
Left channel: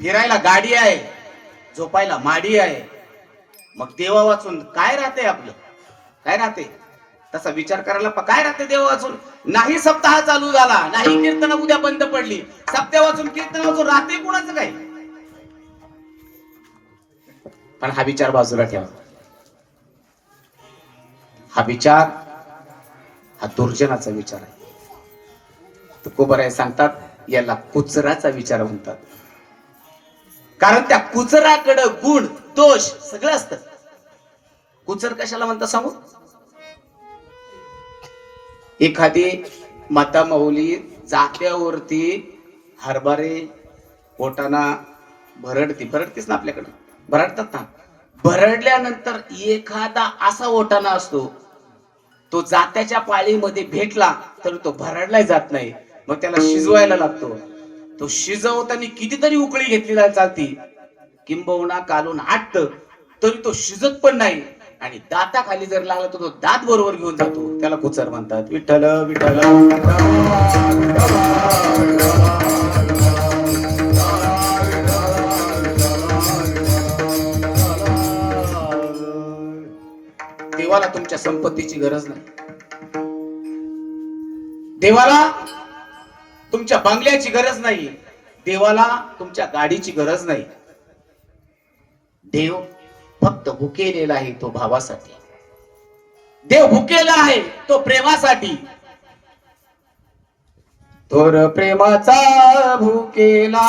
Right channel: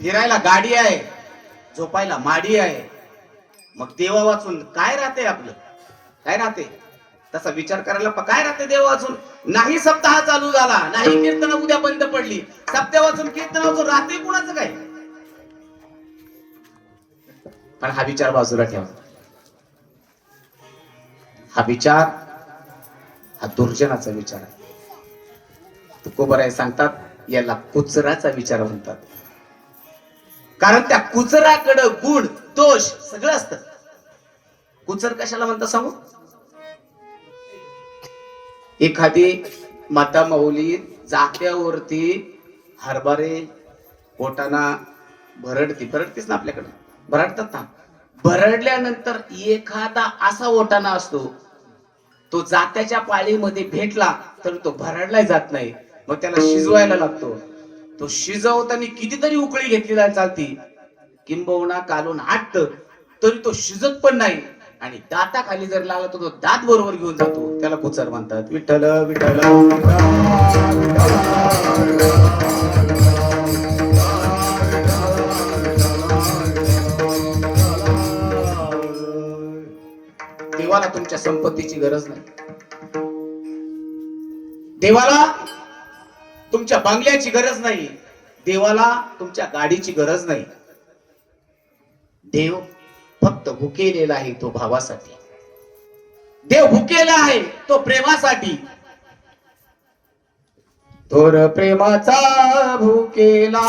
फिरायला गाडी आहे, झोपायला माडी आहे. मग देवा वाचून काय राहते आपलं? काय राहते? तसा विचार करायला काय राहते देवा वाचून? नाही सप्ताह चालू झाला, नाही कीर्तन उद्या बंद पडली, सप्ताह वाचून कीर्तन वाचून राहते कुणाचं काय? पण हा विचार बाजूला ठेवा. हा विचार हा दुर्जनाचा विचार आहे. तुकोबराय सांगतात याला कुचराचा विचार म्हणतात. कारण त्या कुचराकडे गुण दोष सगळं असतं. कुचर कशाला म्हणतात सांगू? एखादी माता माऊली जात्यावरती हरभरे पोटाना भरडतीच ना, आपल्याकडे भरडतात ना. भरडल्यानंतर एखादा असा ओटाणा असतो, तो जात्याच्या पाळीमध्ये भेटला तर तो भरडला जात नाही, मग त्याला शिजवायला लागतो. तो शिजवताना कितीतरी उकळी घेतली चालती, किंबहुना कालून हाटत तरी तो शिजत पण नाही, आणि दाताखाली जर लागला तर तो दात बरोबर घेऊन जातो. त्याला कुचर म्हणतात. विठ्ठल विठ्ठल देवाला तुमच्या संपत्तीची गरज नाही. देवाला तुमच्या बंगल्याची गरज नाही. देवाला तुमच्या गाडीची गरज नाही. देव फक्त भुकेलेला आहे तो भावासाठी. देव भुकेला आहे तो प्रेमासाठी. थोर प्रेमाचा भुकेला,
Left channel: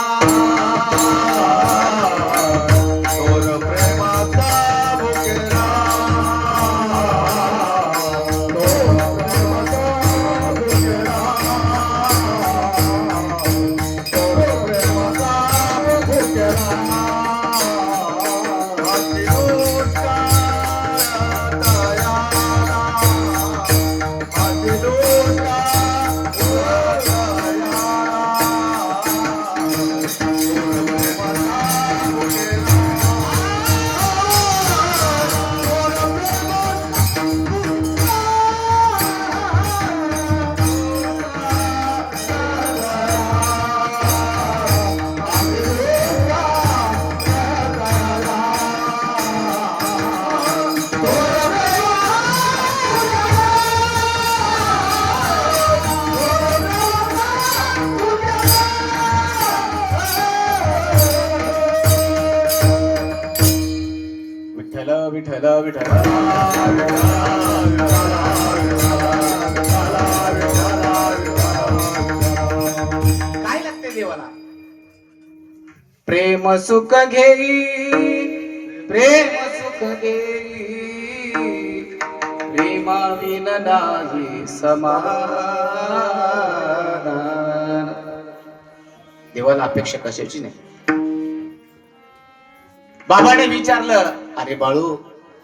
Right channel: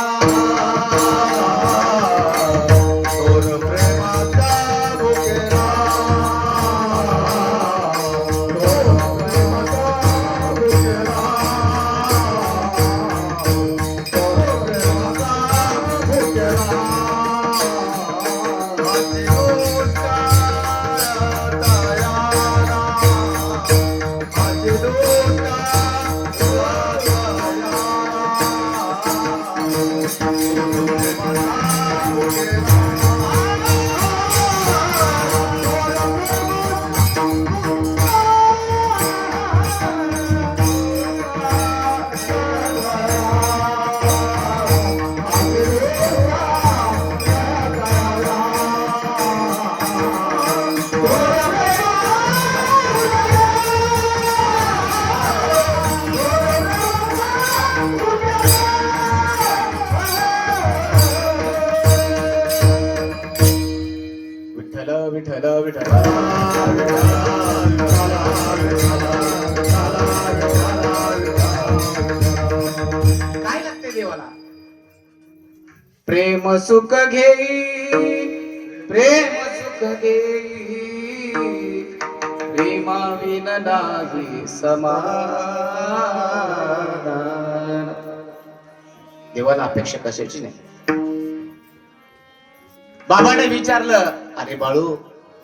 थोर प्रेमाचा भुकेला, विठ्ठल विठ्ठल काय लागते देवाला? प्रेम सुख घेई, प्रेम सुख घेई, प्रेमाविन नाही समाधान. देवाला अपेक्षा कशाची नाही. बाबाने विचारलं, अरे बाळू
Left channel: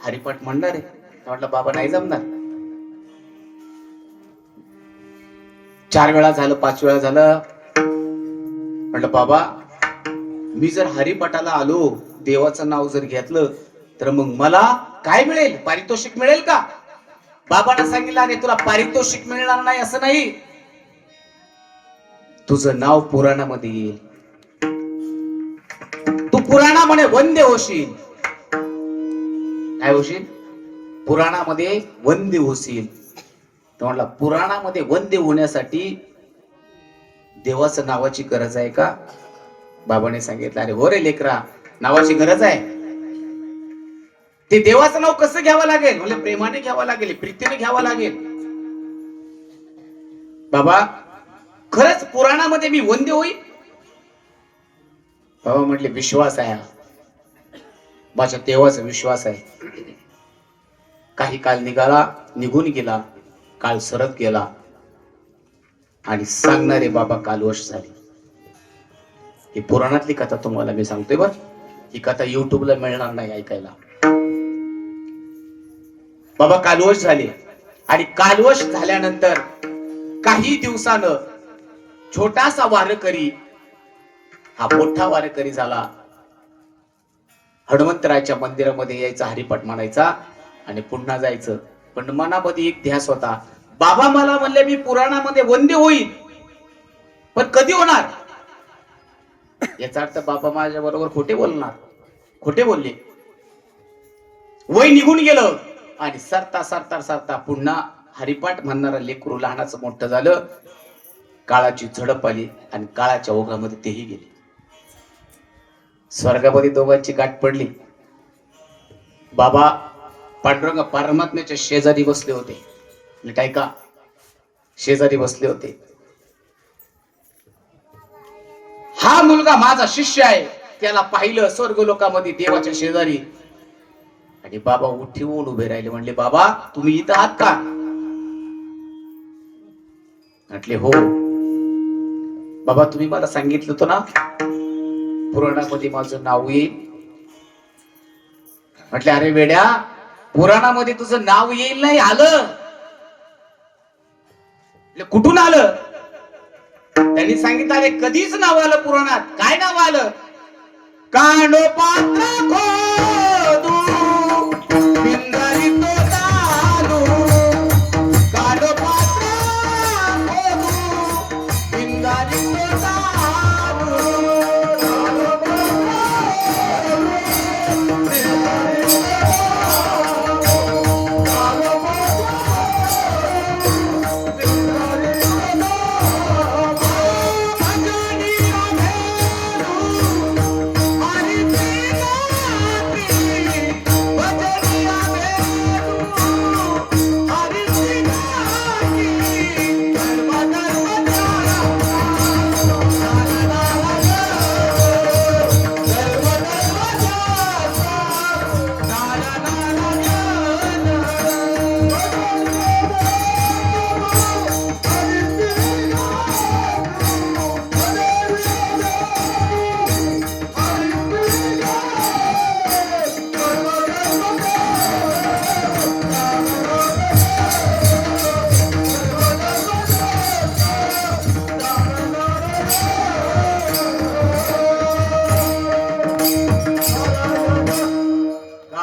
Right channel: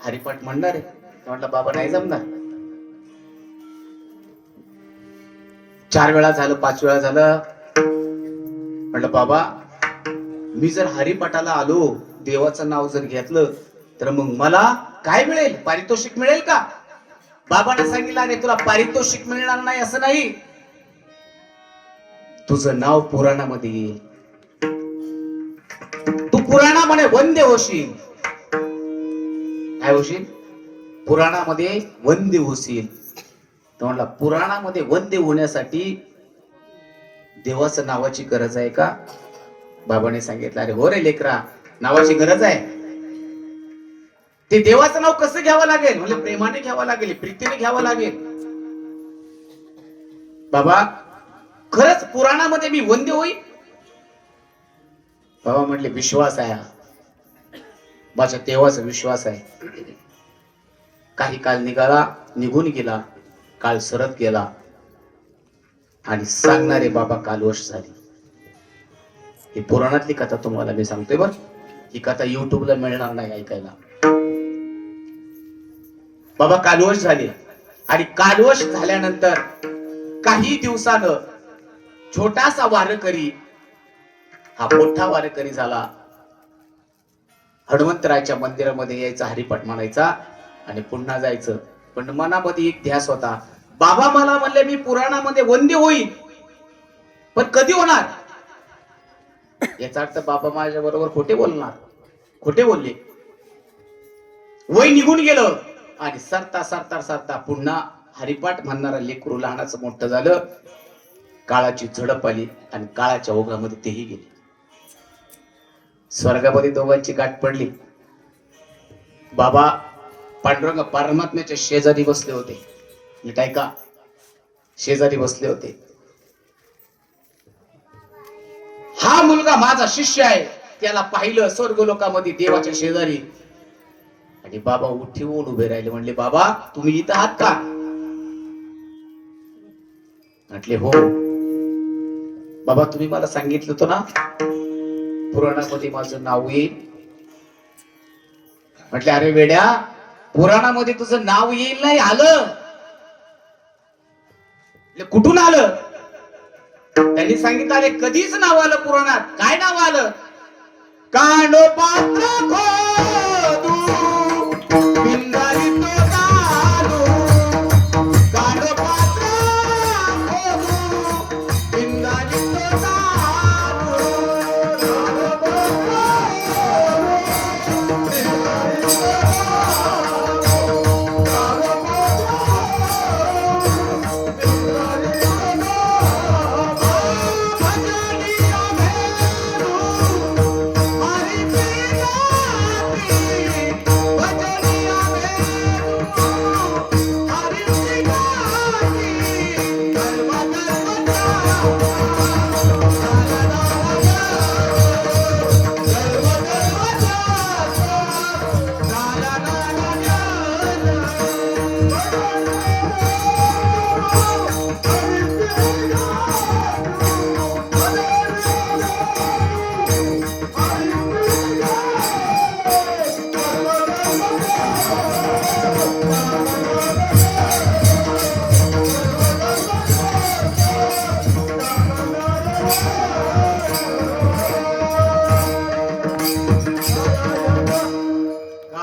हरिपाठ म्हणणार आहे? म्हटलं बाबा नाही जमणार. 4 वेळा झालं, 5 वेळा झालं. म्हटलं बाबा मी जर हरिपाठाला आलो, देवाचं नाव जर घेतलं तर मग मला काय मिळेल? पारितोषिक मिळेल का? बाबाने सांगितलं अरे तुला पारितोषिक मिळणार नाही असं नाही, तुझं नाव पुराणामध्ये येईल, तू पुराणामध्ये वंद्य होशील. काय होशील? पुराणामध्ये वंद्य होशील. तर म्हटलं पुराणामध्ये वंद्य होण्यासाठी देवाचं नावाची गरज आहे का? बाबाने सांगितलं अरे हो रे लेकरा, नावाची गरज आहे. ते देवाचं नाव कसं घ्यावं लागेल? म्हणजे प्रेमाने घ्यावं लागेल, प्रीतीने घ्यावं लागेल. बाबा खरंच पुराणामध्ये मी वंद्य होईल? बाबा म्हटले विश्वास आहे, माझ्या देवाचा विश्वास आहे. काही काळ निघून गेला, काळ सरत गेला आणि सांगणारे बाबा कालवश झाले. ही पुराणातली कथा तुम्हाला मी सांगतोय बर. ही कथा युट्यूबला मिळणार नाही ऐकायला. बाबा कालवश झाले आणि कालवश झाल्यानंतर काही दिवसानं छोटासा वारकरी हा मोठा वारकरी झाला. हनुमंतरायच्या मंदिरामध्ये यायचा, हरिपाठ म्हणायचा आणि पुन्हा जायचं. पण मनामध्ये एक ध्यास होता, बाबा मला म्हणले मी पुराणामध्ये वंद्य होईल, पण कधी होणार? याचा अर्थ बाबा माझ्या बरोबर खोटे बोलणार. खोटे बोलले. वय निघून गेलं आणि सरता सरता सरता पुन्हा हरिपाठ म्हणणारा लेकरू लहानाचं मोठं झालं. काळाची झडप आली आणि काळाच्या ओघामध्ये तेही गेले. स्वर्गामध्ये दोघांची गाठ पडली. बाबा पांडुरंग परमात्म्याच्या शेजारी बसले होते. नीट ऐका, शेजारी बसले होते. हा मुलगा माझा शिष्य आहे, त्याला पाहिलं स्वर्ग लोकामध्ये देवाच्या शेजारी. आणि बाबा उठून उभे राहिले. म्हणले बाबा तुम्ही इथं आहात का? म्हटले हो. बाबा तुम्ही मला सांगितलं होतं ना पुराणामध्ये माझं नाव येईल. म्हटले अरे वेड्या, पुराणामध्ये तुझं नाव येईल नाही आलं. कुठून आलं? त्यांनी सांगितलं अरे कधीच नाव आलं पुराणात. काय नाव आलं? कांडोपात्र खोदू बिंगारी तो दानू, कांडोपात्र खोदू बिंगारी तो दानू.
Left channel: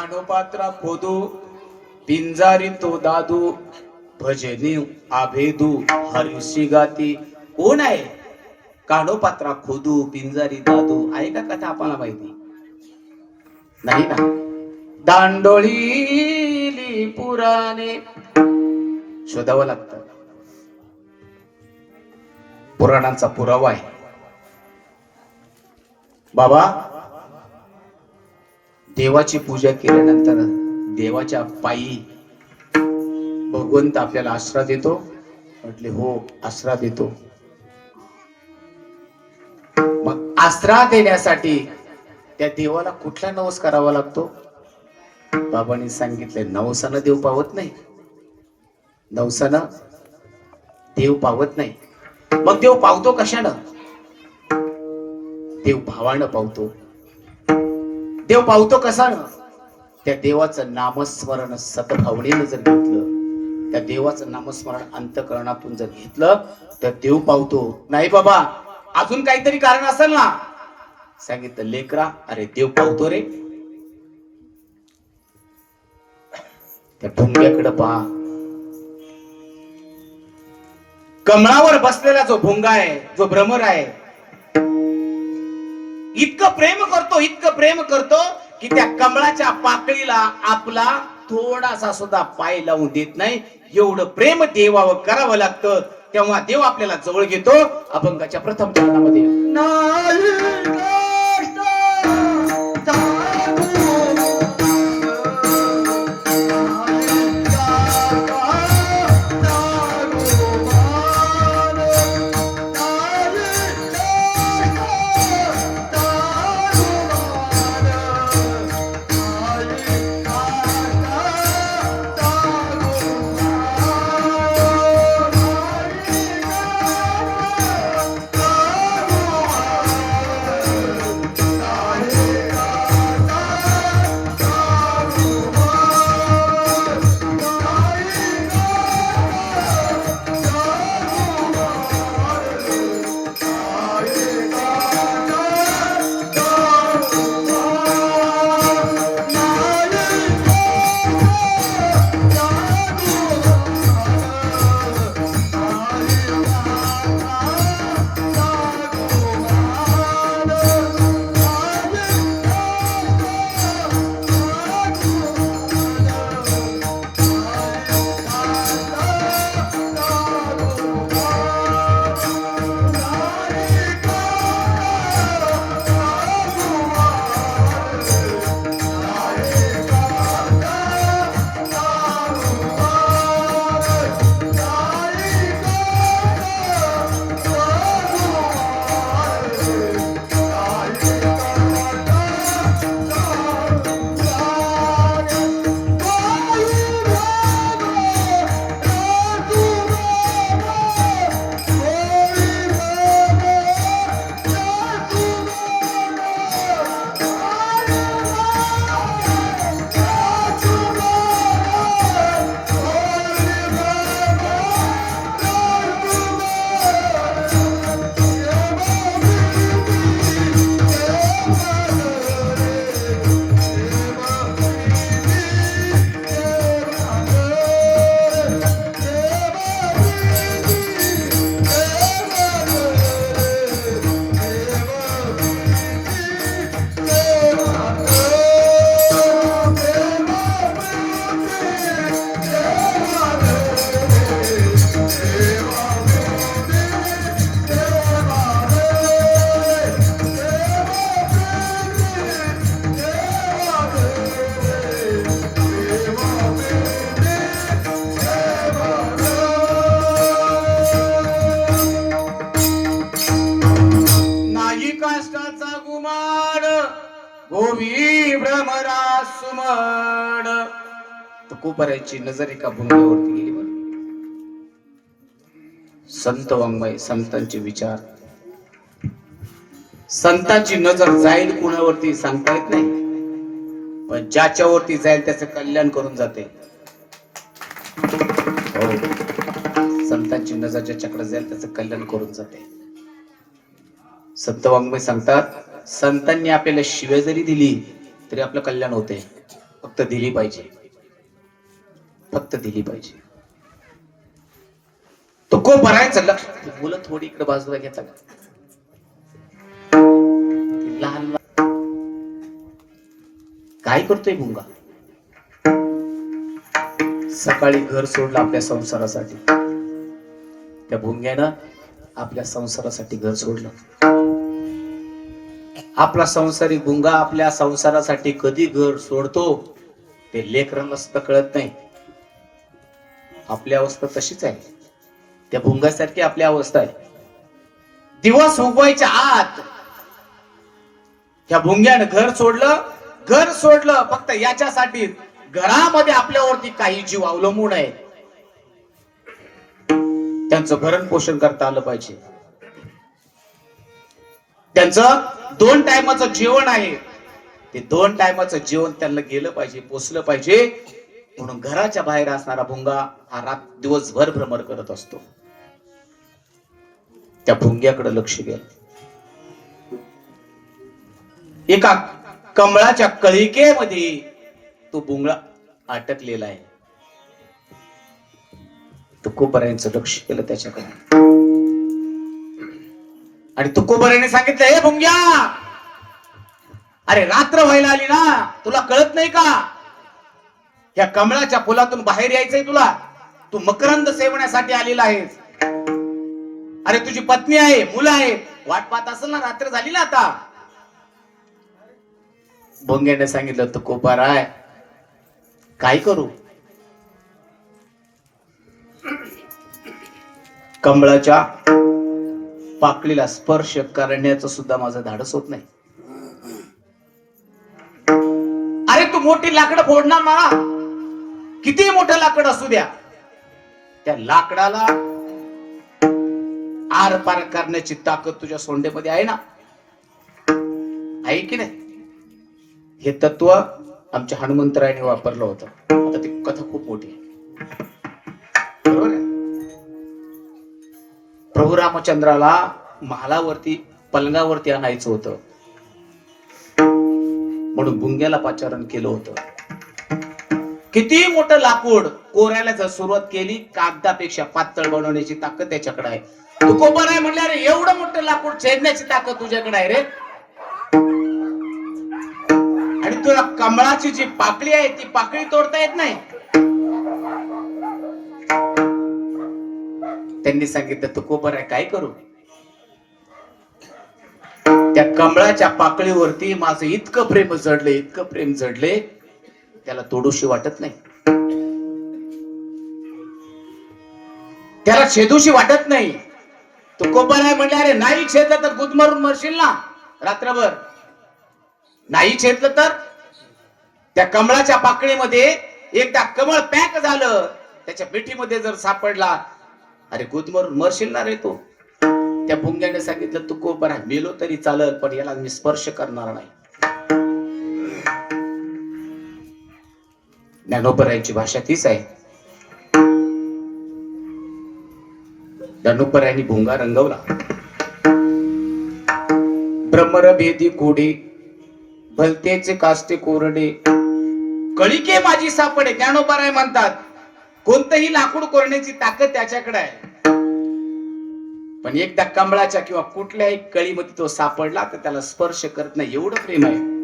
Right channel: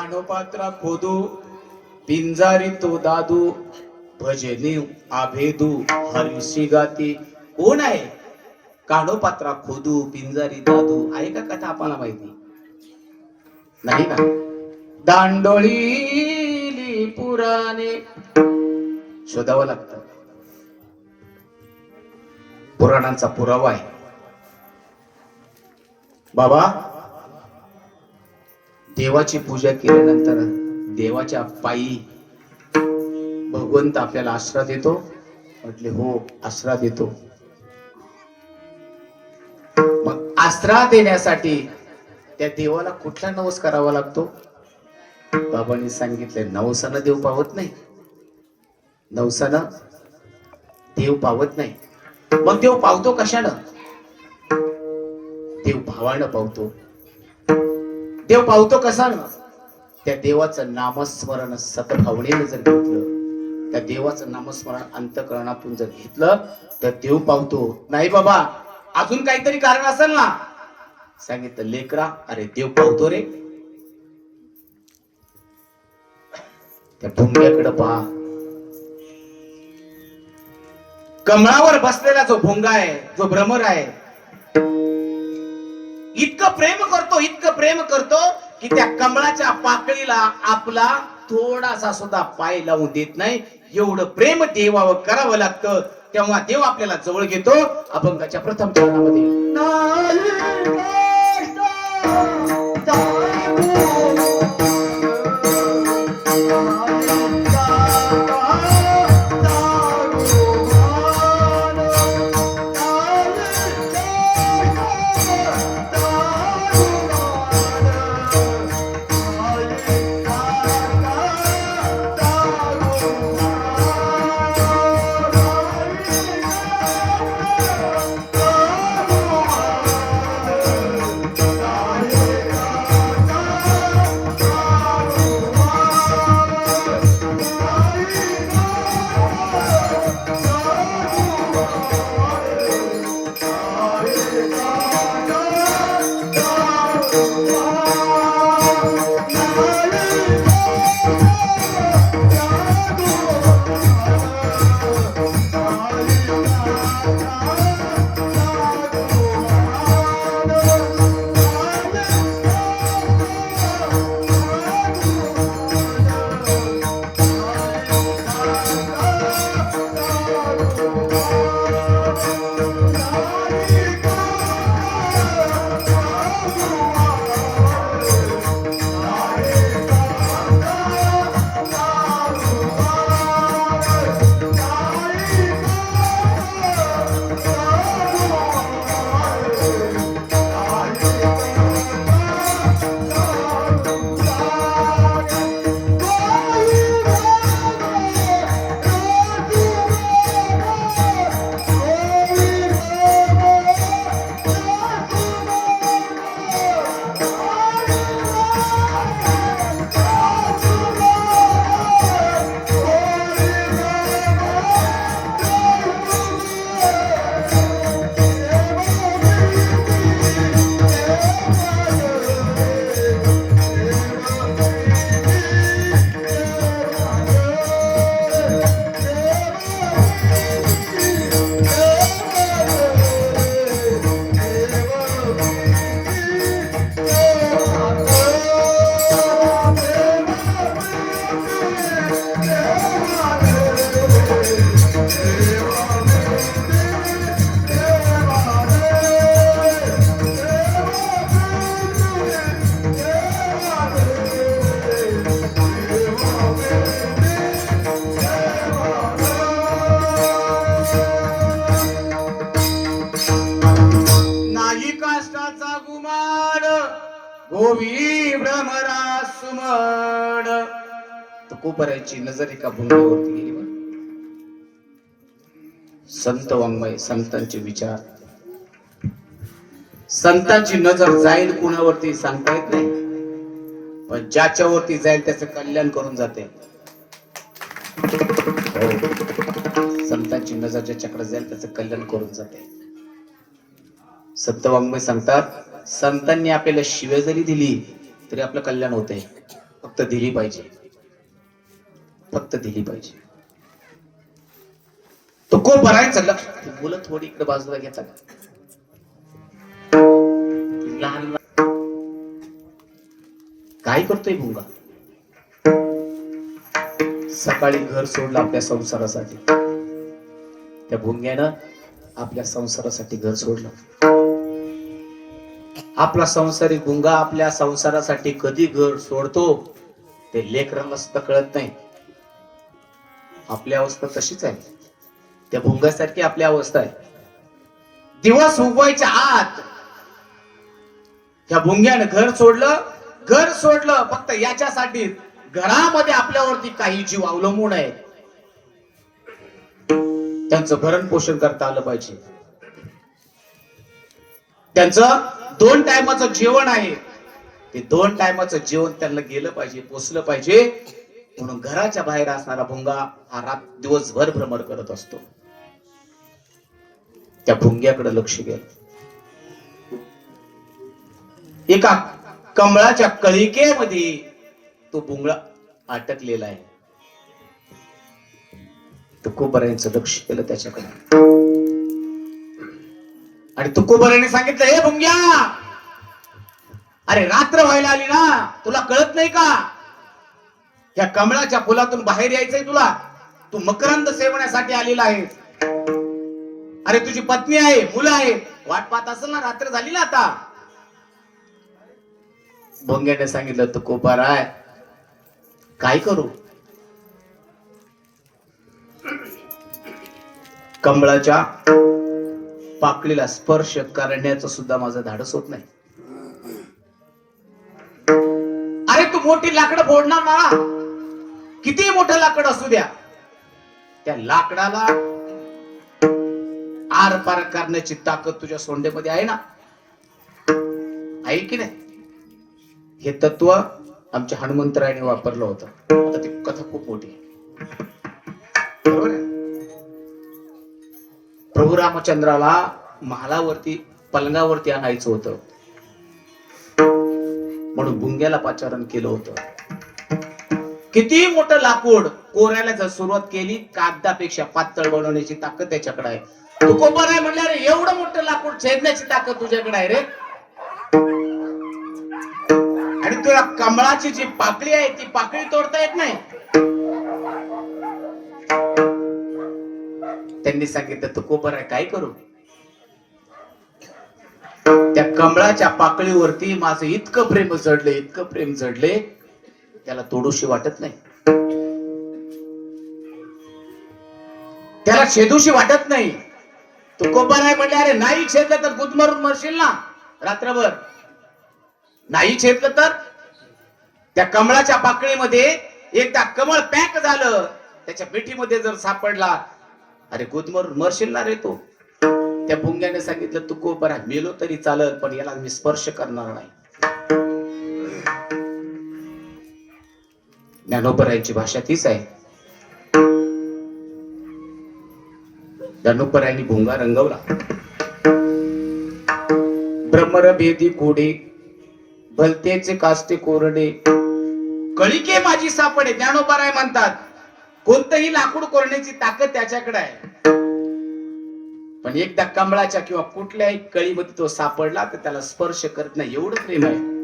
कानोपात्रा खोदू पिंजारी तो दादू भजनी आभेदू हरिशी गाती. कोण आहे कानोपात्रा खोदू पिंजारी दादू? आहे का कथा आपल्याला माहिती नाही ना? दांडोळी पुराणे शोधावं लागतं. पुराणांचा पुरावा आहे. बाबा देवाची पूजा केल्यानंतर देवाच्या पायी भगवंत आपल्याला आश्रा देतो. म्हटले हो, आश्रा देतो. मग आश्रा देण्यासाठी त्या देवाला कुठला नवस करावा लागतो? बाबांनी सांगितले नवसानं देव पावत नाही. नवसानं देव पावत नाही. मग देव पावतो कशानं? देव भावानं पावतो. देव पावतो कशानं? त्या देवाचं नामस्मरण सद्भावनेनं जर घेतलं, त्या देवाचं नामस्मरण अंतःकरणातून जर घेतलं तर देव पावतो. नाही बाबा अजून काहीतरी कारण असेल ना? सांगितलं लेकरा, अरे देव पावतो रे. त्या भुंग्याकडे पहा. कमळावर बसलेला जो भोंगा आहे, जो भ्रमर आहे, इतकं प्रेम करतो की त्या कमळाच्या पाकळीला आपला थोडासा सुद्धा पाय लावून देत नाही. एवढं प्रेम देवावर करावं लागतं. तेव्हा देव आपल्याला जवळ घेतो. अभंगाच्या प्रथम चरणामध्ये तुकोबराची नजर एका भुंगेवरती गेली. संत वाङ्मय, संतांचे विचार, संतांची नजर जाईल कुणावरती सांगता येत नाही, पण ज्याच्यावरती जाईल त्याचं कल्याण करून जाते. हो, संतांची नजर ज्याच्याकडे जाईल त्याचं कल्याण करून जाते. संत वाङ्मय सांगतात, संतांनी आपल्याला शिव्या जरी दिली तरी आपलं कल्याण होते. फक्त दिली पाहिजे, फक्त दिली पाहिजे. तो को भरायचं लक्ष. मुलं थोडी इकडे बाजूला घेतात. लहान काय करतोय भुंगा? सकाळी घर सोडलं आपल्या संसारासाठी. त्या भुंग्यानं आपल्या संसारासाठी घर सोडलं. आपला संसारी भुंगा आपल्या संसारासाठी कधी घर सोडतो ते लेकरांना सुद्धा कळत नाही. आपली अवस्था तशीच आहे. त्या भुंगासारखी आपली अवस्था आहे. दिवस उगवायच्या आत त्या भुंग्यानं घर सोडलं. घर सोडलं फक्त याच्यासाठी, घरामध्ये आपल्यावरती काही जीव अवलंबून आहे. त्यांचं भरण पोषण करता आलं पाहिजे. त्यांचं 2 टायमाचं जेवण आहे. ते 2 टायमाचं जेवण त्यांना गेलं पाहिजे, पोचलं पाहिजे. म्हणून घराच्या बाहेर असणारा भुंगा हा दिवसभर भ्रमण करत असतो. त्या भुंग्याकडे लक्ष गेलं. एका कमळाच्या कळिकेमध्ये तो भुंगळा अटकलेला आहे. तुकोबरायांचं लक्ष केलं त्याच्याकडे आणि तुकोबराने सांगितलं, हे भुंग्या, अरे रात्र व्हायला आली ना, तुला कळत नाही का? या कमळाच्या फुलातून बाहेर यायचंय तुला. तू मकरंद सेवण्यासाठी आलेला आहेस. अरे तुझी पत्नी आहे, मुलं आहेत, वाट पाहत असेल ना, रात्र झाली ना आता. भुंग्याने सांगितलं, तुकोबराय काय करू? कमळाच्या पाकळीला स्पर्श करण्याचं सुद्धा माझं धाडस होत नाही. अरे तू मोठी लाकडं फोडणार ना, किती मोठं लाकड असू द्या, त्या लाकडाला आर पार करण्याची ताकद तुझ्या सोंडेमध्ये आहे ना, आहे की नाही? हे तत्व आमच्या हनुमंतरायाने वापरलं होतं. आता ती कथा खूप मोठी आहे, बरोबर आहे? प्रभू रामचंद्राला महालावरती पलंगावरती आणायचं होतं, म्हणून भुंग्याला पाचारण केलं होतं. किती मोठं लाकूड कोरायला जर सुरुवात केली, कागदापेक्षा पातळ बनवण्याची ताकद त्याच्याकडे आहे. तू कोपा नाही म्हणले, अरे एवढं मोठं लाकूड छेदण्याची ताकद तुझ्याकडे आहे रे. आणि तुला कमळाची जी पाकळी आहे ती पाकळी तोडता येत नाही. त्यांनी सांगितलं, तू कोपर आहे काय करू? त्या कमळाच्या पाकळीवरती माझं इतकं प्रेम जडले, इतकं प्रेम जडले, त्याला तोडूशी वाटत नाही, त्याला छेदूशी वाटत नाही. तू कोपर आहे म्हणले, अरे नाही छेदलं तर गुदमरून मरशील ना रात्रभर. नाही छेदलं तर त्या कमळाच्या पाकळीमध्ये एकदा कमळ पॅक झालं, त्याच्या पेटीमध्ये जर सापडला, अरे गुदमरून मरशील ना रे तू. त्या भुंग्याने सांगितलं, तू कोपर आहे, मेलो तरी चालल, पण याला मी स्पर्श करणार नाही. ज्ञानोबरायांची भाषा तीच आहे. ज्ञानोबरायांनी भुंगा रंगवला. ब्रह्मरभेदी कोडे, भलतेचे कास्ते कोरडे, कळिके माझी सापडे. ज्ञानोबराय म्हणतात, कोणतंही लाकूड कोरण्याची ताकद त्याच्याकडे आहे, पण एकदा कमळाच्या किंवा कुठल्याही कळीमध्ये तो सापडला तर त्याला स्पर्श करत नाही, एवढं प्रेम आहे.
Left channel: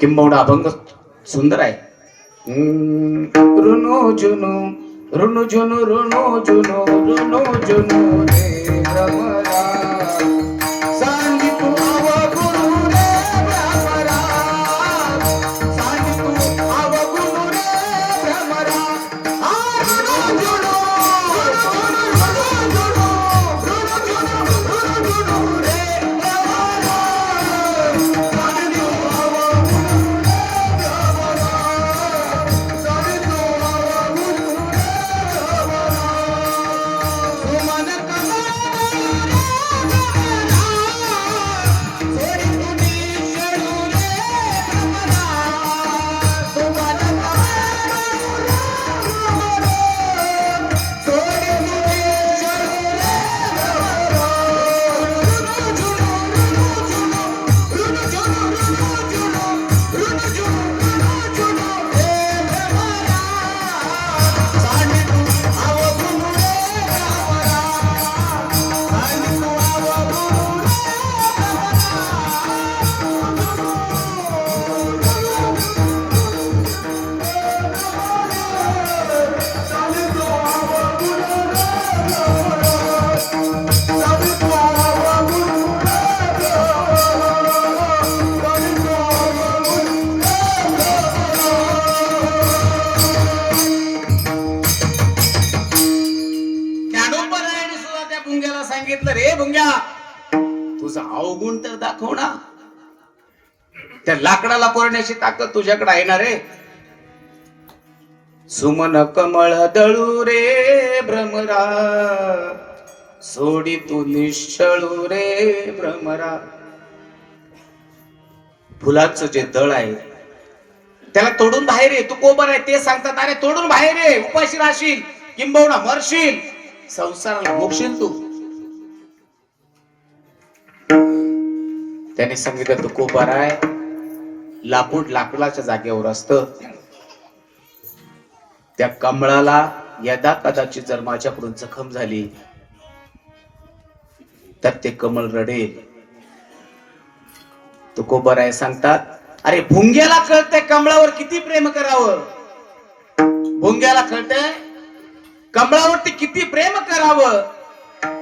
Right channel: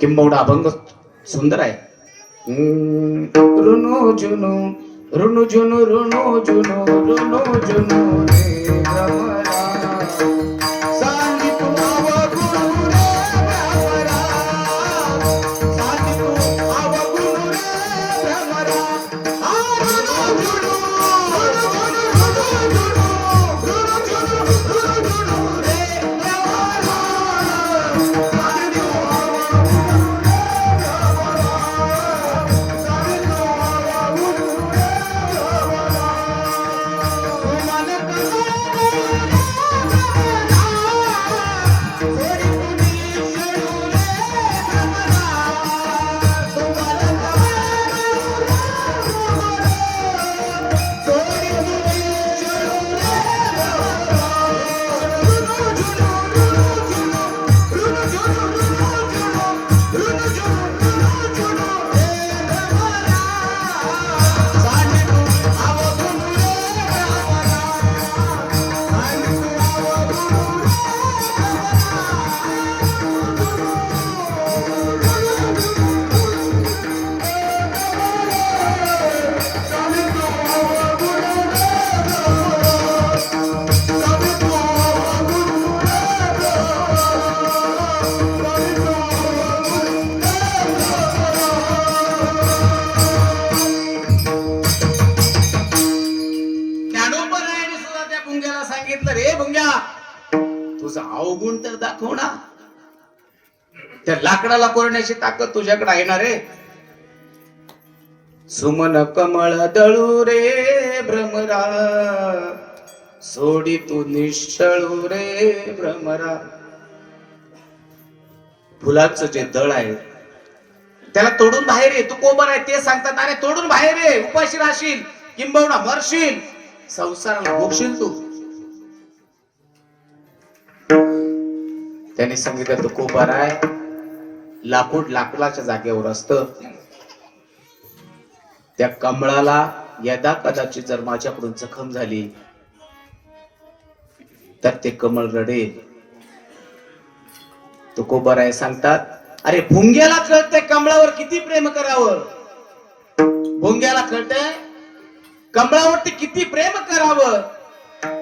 किंबहुना अभंग सुंदर आहे. ऋणो जुनो ऋणु जुनो ऋणो जुनो ऋणो जुनो तुझा अवगुण तर दाखव ना. त्या लाकडाला कोरण्याची ताकद तुझ्याकडे आहे ना रे. सुमन कमळ दळू रे भ्रमरा, सोडी तू निश्चळू रे भ्रमरा. फुलाचं जे दळ आहे त्याला तोडून बाहेर ये. तू कोबर आहे ते सांगतात, अरे तोडून बाहेर ये, उपाशी राहशील, किंबहुना मरशील, संसाराला मोक्षील तू. त्याने सांगितलं तो कोबर आहे, लाकूड लाकडाच्या जागेवर असतं. त्या कमळाला यदा कदाचित जर माझ्याकडून जखम झाली तर ते कमळ रडेल. तो कोबर आहे सांगतात, अरे भुंग्याला कळतंय कमळावर किती प्रेम करावं. भुंग्याला कळतंय कमळावरती किती प्रेम करावं,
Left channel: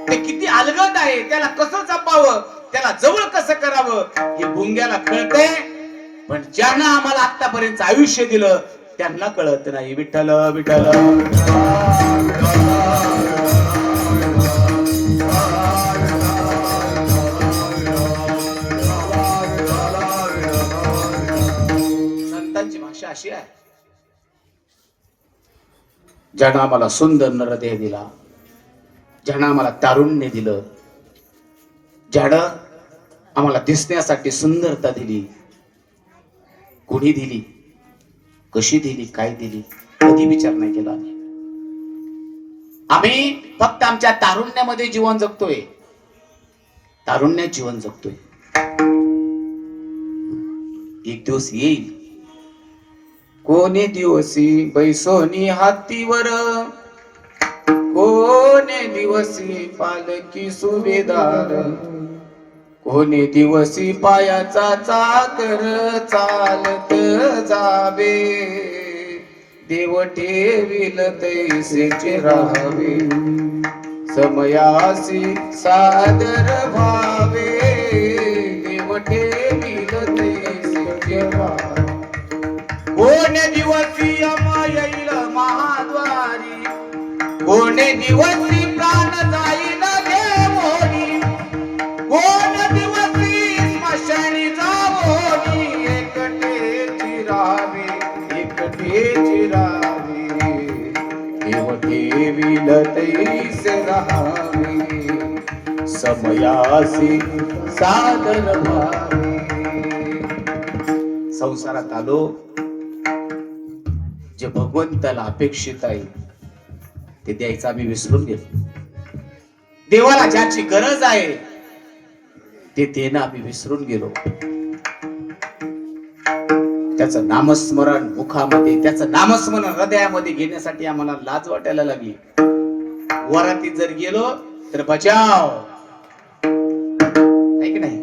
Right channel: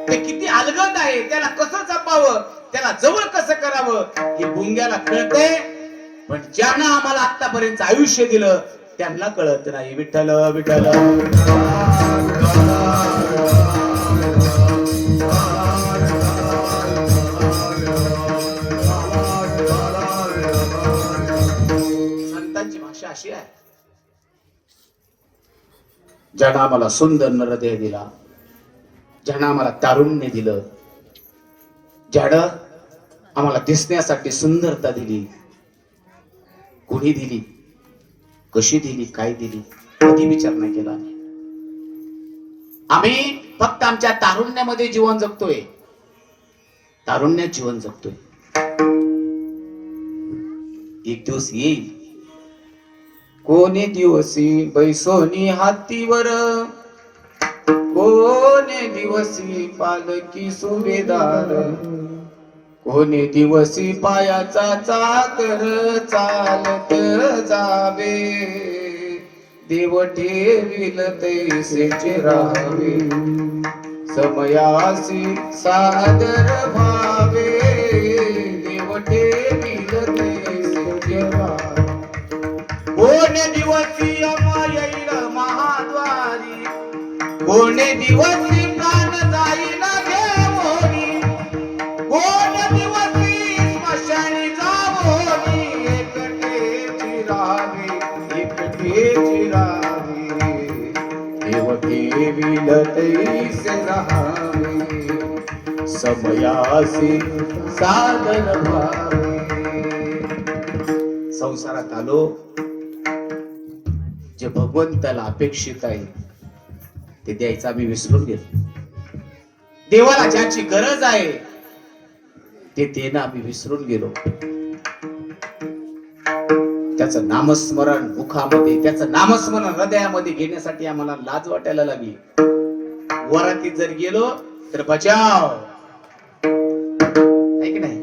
ते किती अलगद आहे, त्याला कसं जपावं, त्याला जवळ कसं करावं हे भुंग्याला कळतंय. पण ज्यांना आम्हाला आतापर्यंत आयुष्य दिलं त्यांना कळत नाही. विठ्ठल विठ्ठल संतांची भाषा अशी आहे, ज्यानं आम्हाला सुंदर नरदेह दिला, ज्यानं आम्हाला तारुण्य दिलं, ज्यानं आम्हाला दिसण्यासाठी सुंदरता दिली, कुणी दिली, कशी दिली, काय दिली, कधी विचार नाही केला. आम्ही फक्त आमच्या तारुण्यामध्ये जीवन जगतोय, तारुण्यात जीवन जगतोय. एक दिवस येईल, कोणे दिवसी बैसोनी हातीवर, कोणे दिवसी पालकी सुभेदार, कोणे दिवसी पायाचा चाकर चालत जावे, देव ठेविल तैसेचे राहावे, समयासी सादर भावे, देव ठेविल तैसेचे राहावे. कोणे दिवसी अमा येईल महाद्वारी, कोणे दिवसी प्राण जाईल घे मोरी, कोणे दिवसी स्मशानी जावोनी, एकटे राहावे, एकटे राहावे, देव ठेविल तैसे राहावे, समयासी सादर भावे. संसारात आलो, जे भगवंताला अपेक्षित आहे ते द्यायचं आम्ही विसरून गेलो. देवाला ज्याची गरज आहे ते देणं आम्ही विसरून गेलो. त्याचं नामस्मरण मुखामध्ये, त्याचं नामस्मरण हृदयामध्ये घेण्यासाठी आम्हाला लाज वाटायला लागली. वरातीत जर गेलो तर बचाव, ऐक नाही,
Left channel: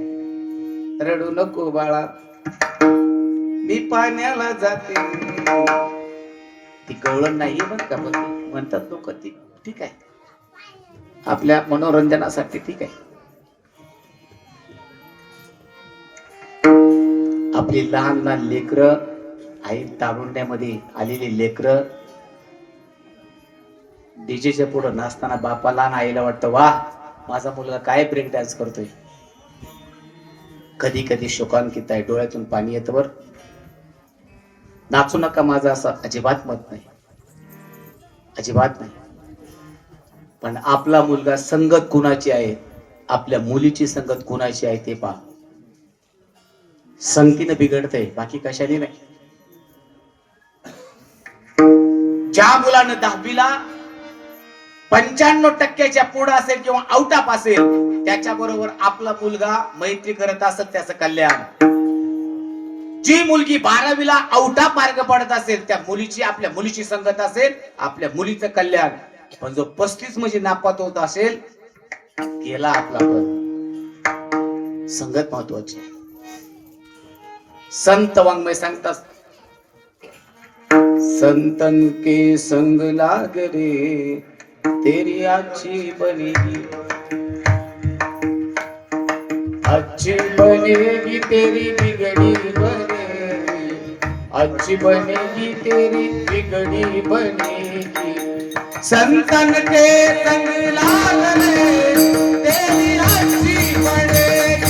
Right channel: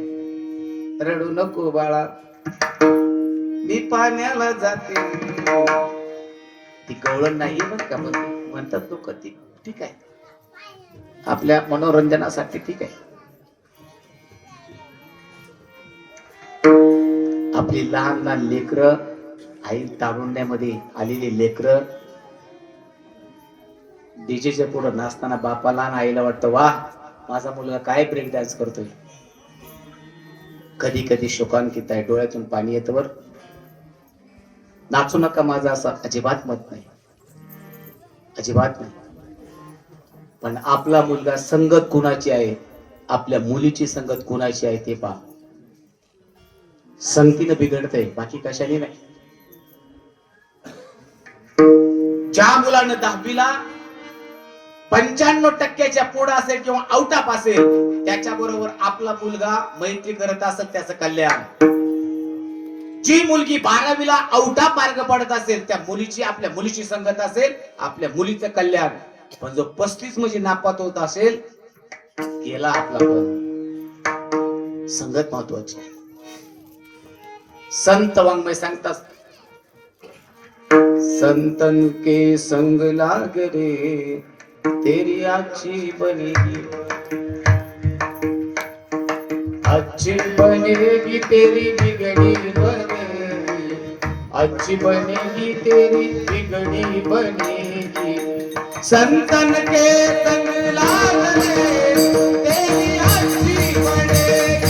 रडू नको बाळा मी पाण्याला जाते. ती गवळण नाहीये बरं का, म्हणतात लोक, ती ठीक आहे आपल्या मनोरंजनासाठी, ठीक आहे. आपली लहान लहान लेकरं, आई तारुण्यामध्ये आलेली लेकरं डीजेच्या पुढे नाचताना बापाला आणि आईला वाटतं वा माझा मुलगा काय ब्रेक डान्स करतोय. कधी कधी शोकांकित आहे, डोळ्यातून पाणी येतं. वर नाचू नका माझं असं अजिबात मत नाही, अजिबात नाही. पण आपला मुलगा संगत कुणाची आहे, आपल्या मुलीची संगत कुणाची आहे ते पहा. संगतीनं बिघडतंय, बाकी कशाने नाही. ज्या मुलानं 10वीला 95% पुढे असेल किंवा आउट ऑफ असेल, त्याच्या बरोबर आपला मुलगा मैत्री करत असेल त्याचं कल्याण. जी मुलगी 12वीला आउट ऑफ मार्ग पडत असेल त्या मुलीची, आपल्या मुलीची संगत असेल, आपल्या मुलीचं कल्याण. पण जो 35 म्हणजे नापात होत असेल गेला आपला. पण संगत महत्वाची आहे. संत वाङ्मय सांगतात, संतन के संग लाग रे तेरी अच्छी बनेगी, अच्छी बनेगी तेरी बिगड़ी बनेगी, अच्छी बनेगी तेरी बिगड़ी बनेगी. संतन के संग लाग रे तेरी अच्छी बनेगी,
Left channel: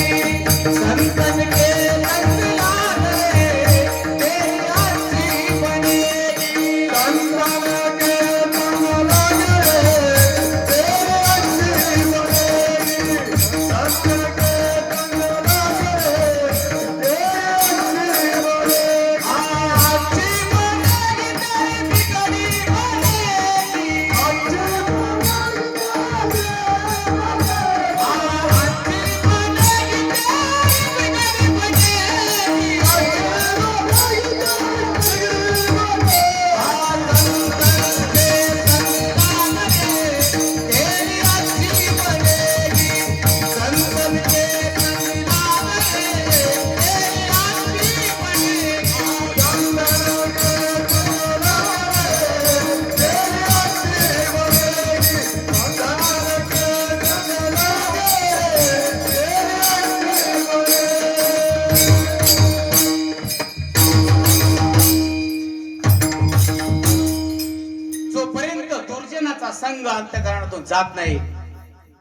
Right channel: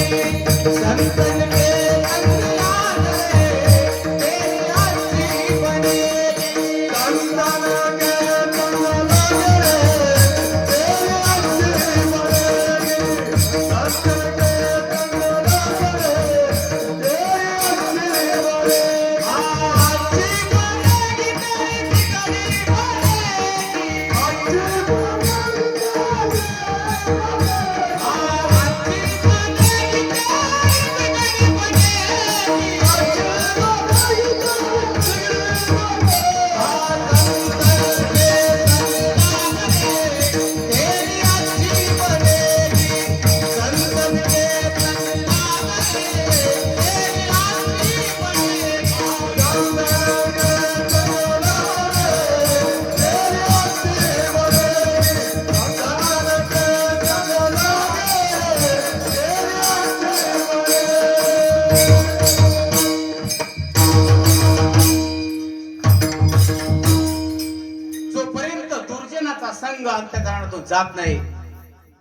जोपर्यंत दुर्जनाचा संघ अंतःकरणातून जात नाही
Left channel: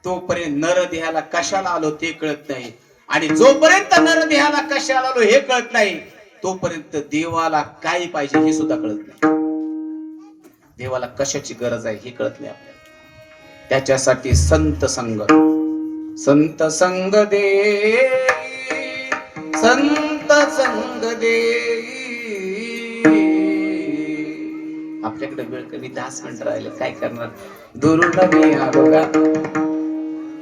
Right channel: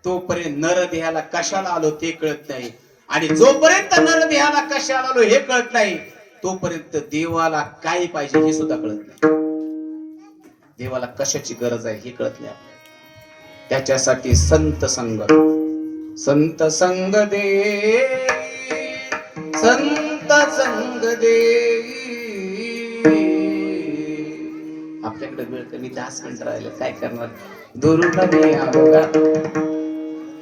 तोपर्यंत नरदेहाला कशाला आलो ते कळत नाही, आणि जोपर्यंत नरदेहाला कशाला आलो हे कळत नाही तोपर्यंत देवाला काय पाहिजे हे सुद्धा कळत नाही. देवाला कशाची गरज आहे हे कळत नाही. त्याच्यासाठी संत संग, संत संग दे, संत संग दे. आपल्याकडे वेळ कमी 10 मिनिटं राहिले, काय करणार. दुरुन मी आलो का,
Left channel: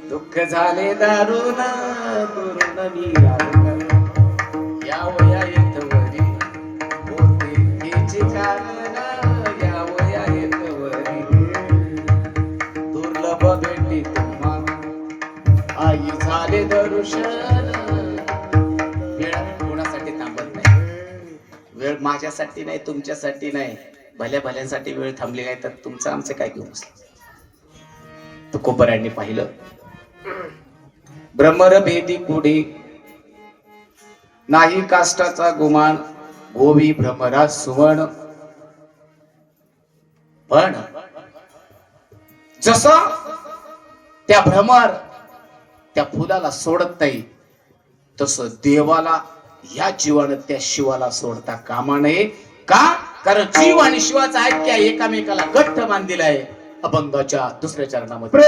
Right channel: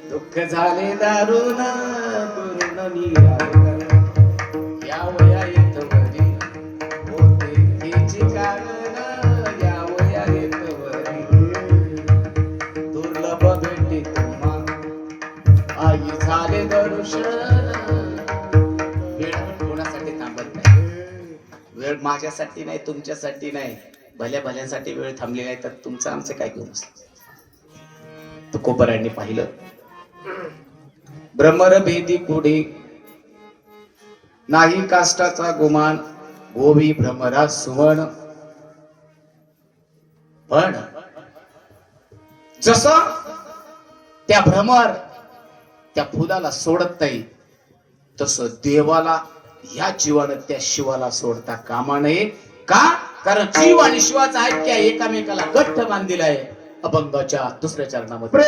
दुःख झाले दारुण, दुरुन मी आलो का, या वया येतवरी होते हेचे कारण, या वया येतवरी दुर्लभ भेटी तुम्हा आई झाले दर्शन. वेळ कोणासाठी थांबत नाही, वेळ माझ्यासाठी नाही, तुमच्यासाठी नाही, भल्या भल्यांसाठी वेळ थांबली नाही तर तुमचं आमचं काय घेऊन बसलं. तुकोबरायांनी पाहिलं, भ्रमर भेदी कुडे नाही काष्टाचा गुमान, गोवी भ्रमरा सुवर्ण. पण जसं त्या भ्रमर त्या फुलाला सोडत नाही तसं देवाला ह्या जीवानं त्या शिवाला सोडता कामा नये. का? कारण जीव आणि शिवाचा ऐक्य एकामेकाला घट्ट बांधलेला आहे. अभंगाच्या दुसऱ्या चरणामध्ये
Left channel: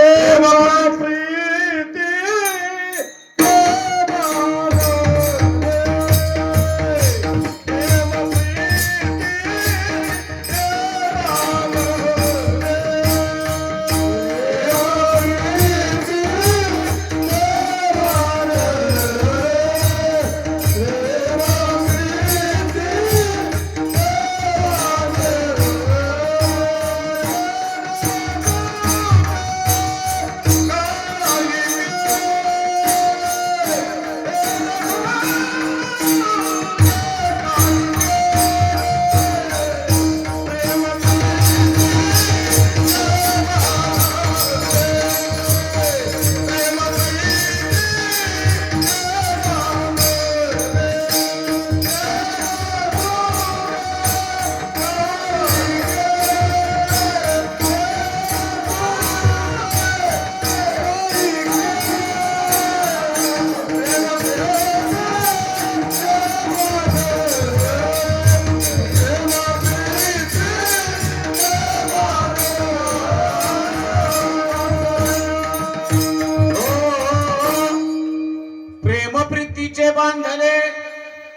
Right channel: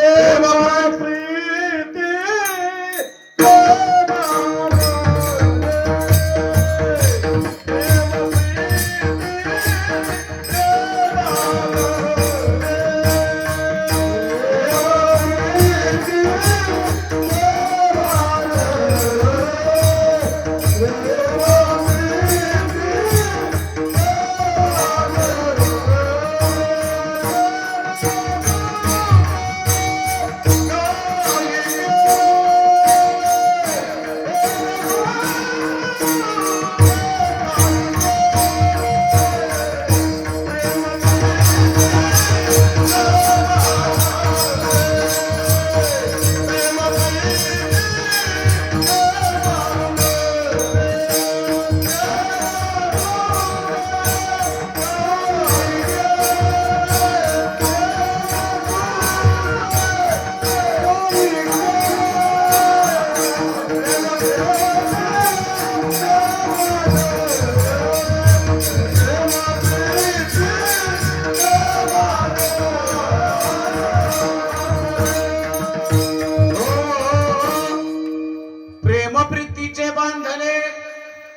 बांधले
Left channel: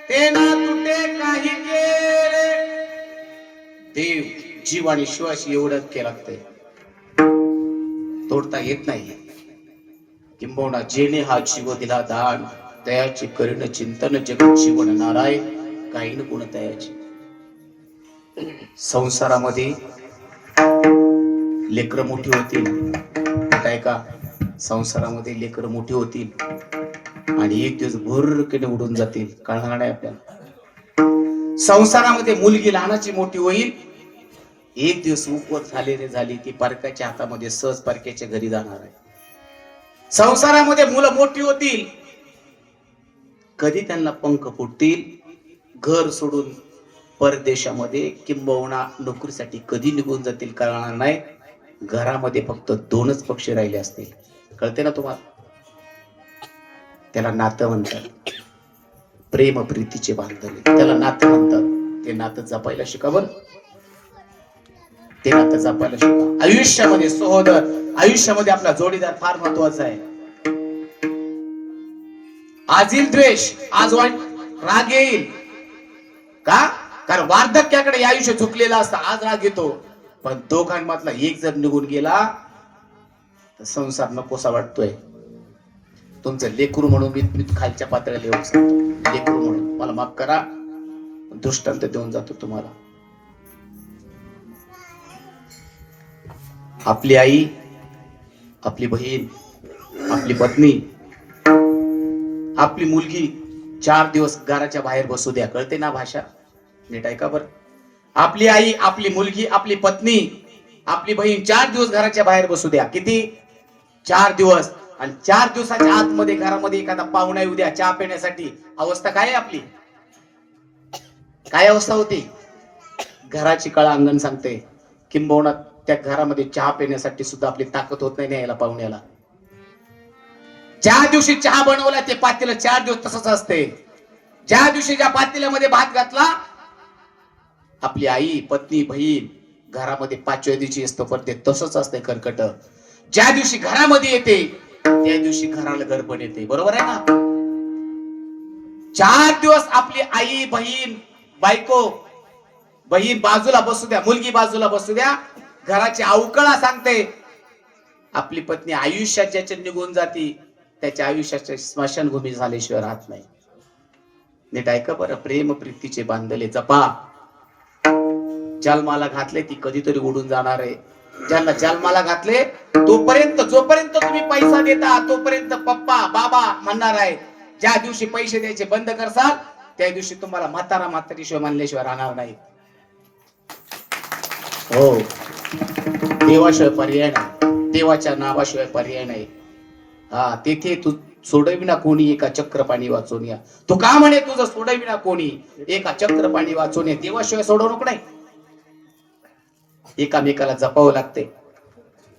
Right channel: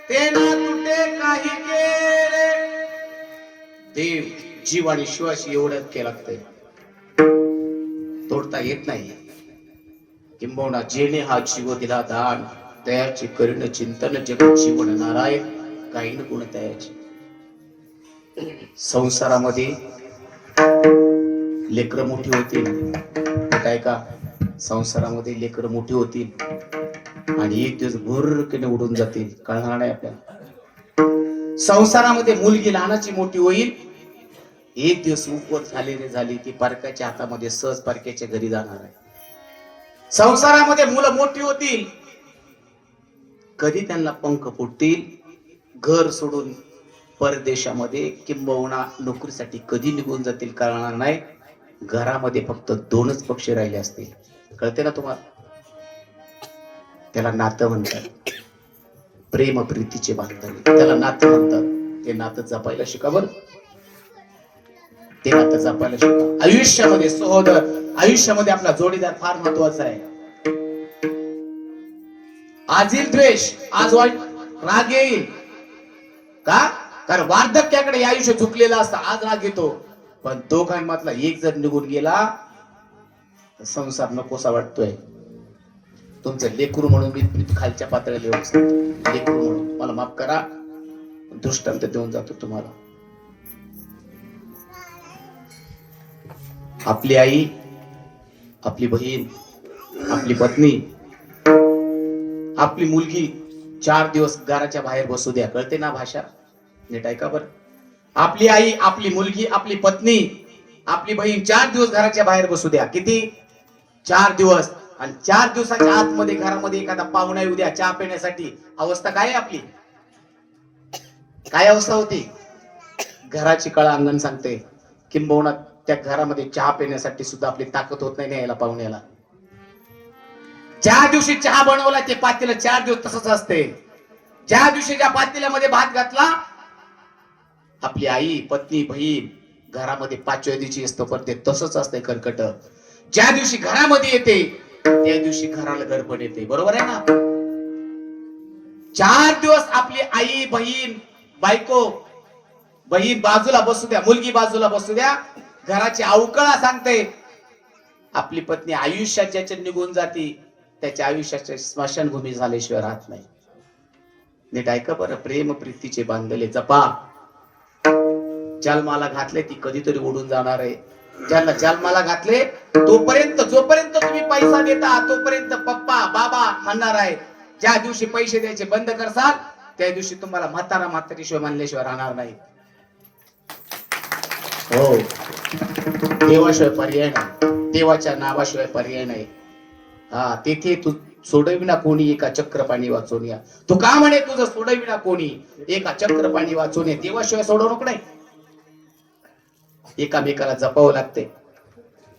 ते ना तुटे काही केले. देव जीव आणि शिवाशी एवढंच केलं लागतंय, तोडता येत नाही. किंबहुना जेणे हा जीव दिला दान, तयाचे करीन चिंतन जग जीवन नारायण, काही न गुण तयाचे. संसारामध्ये लेकर मोठी होतील, काय का संसारामध्ये लेकर मोठी होतील आणि एक दिवस भुरकने उडून जातील, कळणार नाही आपल्याला. संसारामध्ये मुलगी लहानाची मोठी होईल, एक दिवस उपवत झाली की पारकाच्या हातामध्ये सहज पारक्याच्या घरी जाणार आहे. संसारामध्ये मुलं मोठी होतील, कधी त्यांना पंख फुटतील, घर सोडून परदेशामध्ये किंबहुना नोकरीसाठी कधी निघून जातील कळणार नाही. घरामध्ये फक्त 2च पक्षी राहिले असतील, कळते ना तुम्हाला. त्याला नातं म्हणतात, प्रेम प्रीतीचे बांधले, त्याला नातं म्हणतात. ते नातं जपायला शिका बरं, ते नातं जपायला शिका. आयुष्यामध्ये सहोदर, आयुष्यामध्ये आपला जोडीदार फार महत्वाचा आहे. आज येईल द्वेष, आज वाईट राग येईल, का? कारण वार्धक्याकडे आयुष्य झुकलेलं असतं, आज राग येतो. पण दोघांमधला एक जर निघून गेला तर संसार नकोसा वाटतोय. तुमचं लेकरू म्हणून मी खालच्या पातळीला येऊन सांगतो, लेकरू म्हणून मला माफ करा, दृष्टांत देऊन जातो तुम्हाला. आपली आई, आपली बहीण, आपली पत्नी, आपली मुलगी 4 दिवस घराच्या बाहेर बसू द्या, कळते ना भाषा, नीट ऐका बरं. आपली आई, आपली मुलगी, आपली पत्नी, आपली बहीण 4 दिवस घराच्या बाहेर बसू द्या. किती? 4 दिवस. आणि 4 दिवसाच्या आतमध्ये घरामध्ये एखादा पाहुणा येऊ द्या चहा पिण्यासाठी, अवस्था काय आहे आपली? काय अवस्था होती? घराची कळा अंगण सांगते, किंबहुना त्या घरामध्ये चहा पिण्यासाठी सुद्धा आपली ताकद होत नाही यायला पाहुण्याला. ज्या दिवशी चहा बनवला ते पातेलं 4 दिवस तसंच असते. ज्या दिवशी ज्या पातेल्यामध्ये भात घातला, आपली आई, पत्नी, बहीण घरामध्ये 5व्या दिवशी असतो पण ते तसंच असते कर्कट. ज्या दिवशी घरामध्ये येते त्या दिवशी घराला गडबड येते. बरोबर आहे ना? 4 दिवस आपली आई, बहीण, बायको, बहीण बाजूला बसू द्या, मुलगी बाजूला बसू द्या, घराची अवकळा सांगते. आपली पत्नी आयुष्यात ज्याच्या निघून जाती त्याच्या आयुष्याच्या स्मशानभूमी झाल्याशिवाय राहत नाही. नीट ऐका बरं, प्रेम प्रीतीचे बांधले जपा. जन्माला घातले ती कधीतरी उडून जाणार आहे. ज्यांना जन्माला घातले तोपर्यंत, जोपर्यंत तुम्ही पैसा देता तोपर्यंत पप्पा बाबा म्हणणार आहे. ज्या दिवशी पैसे द्यायचे बंद करसाल त्या दिवशी तुम्हाला म्हातारा म्हातारीशिवाय मानल्याशिवाय राहणार नाही. हो, देवाशिवाय पर्याय नाही, देवाच्या नावाशिवाय पर्याय नाही. हा, तेथे तू सोडविना कोणी एका चक्र पाणी वाचून या. तू का म्हणे तुझं सोडविना कोणी एका चक्र पाणी वाचून या. देवाशिवाय सोडवणूक नाही. एकामेकाला जपावं लागते.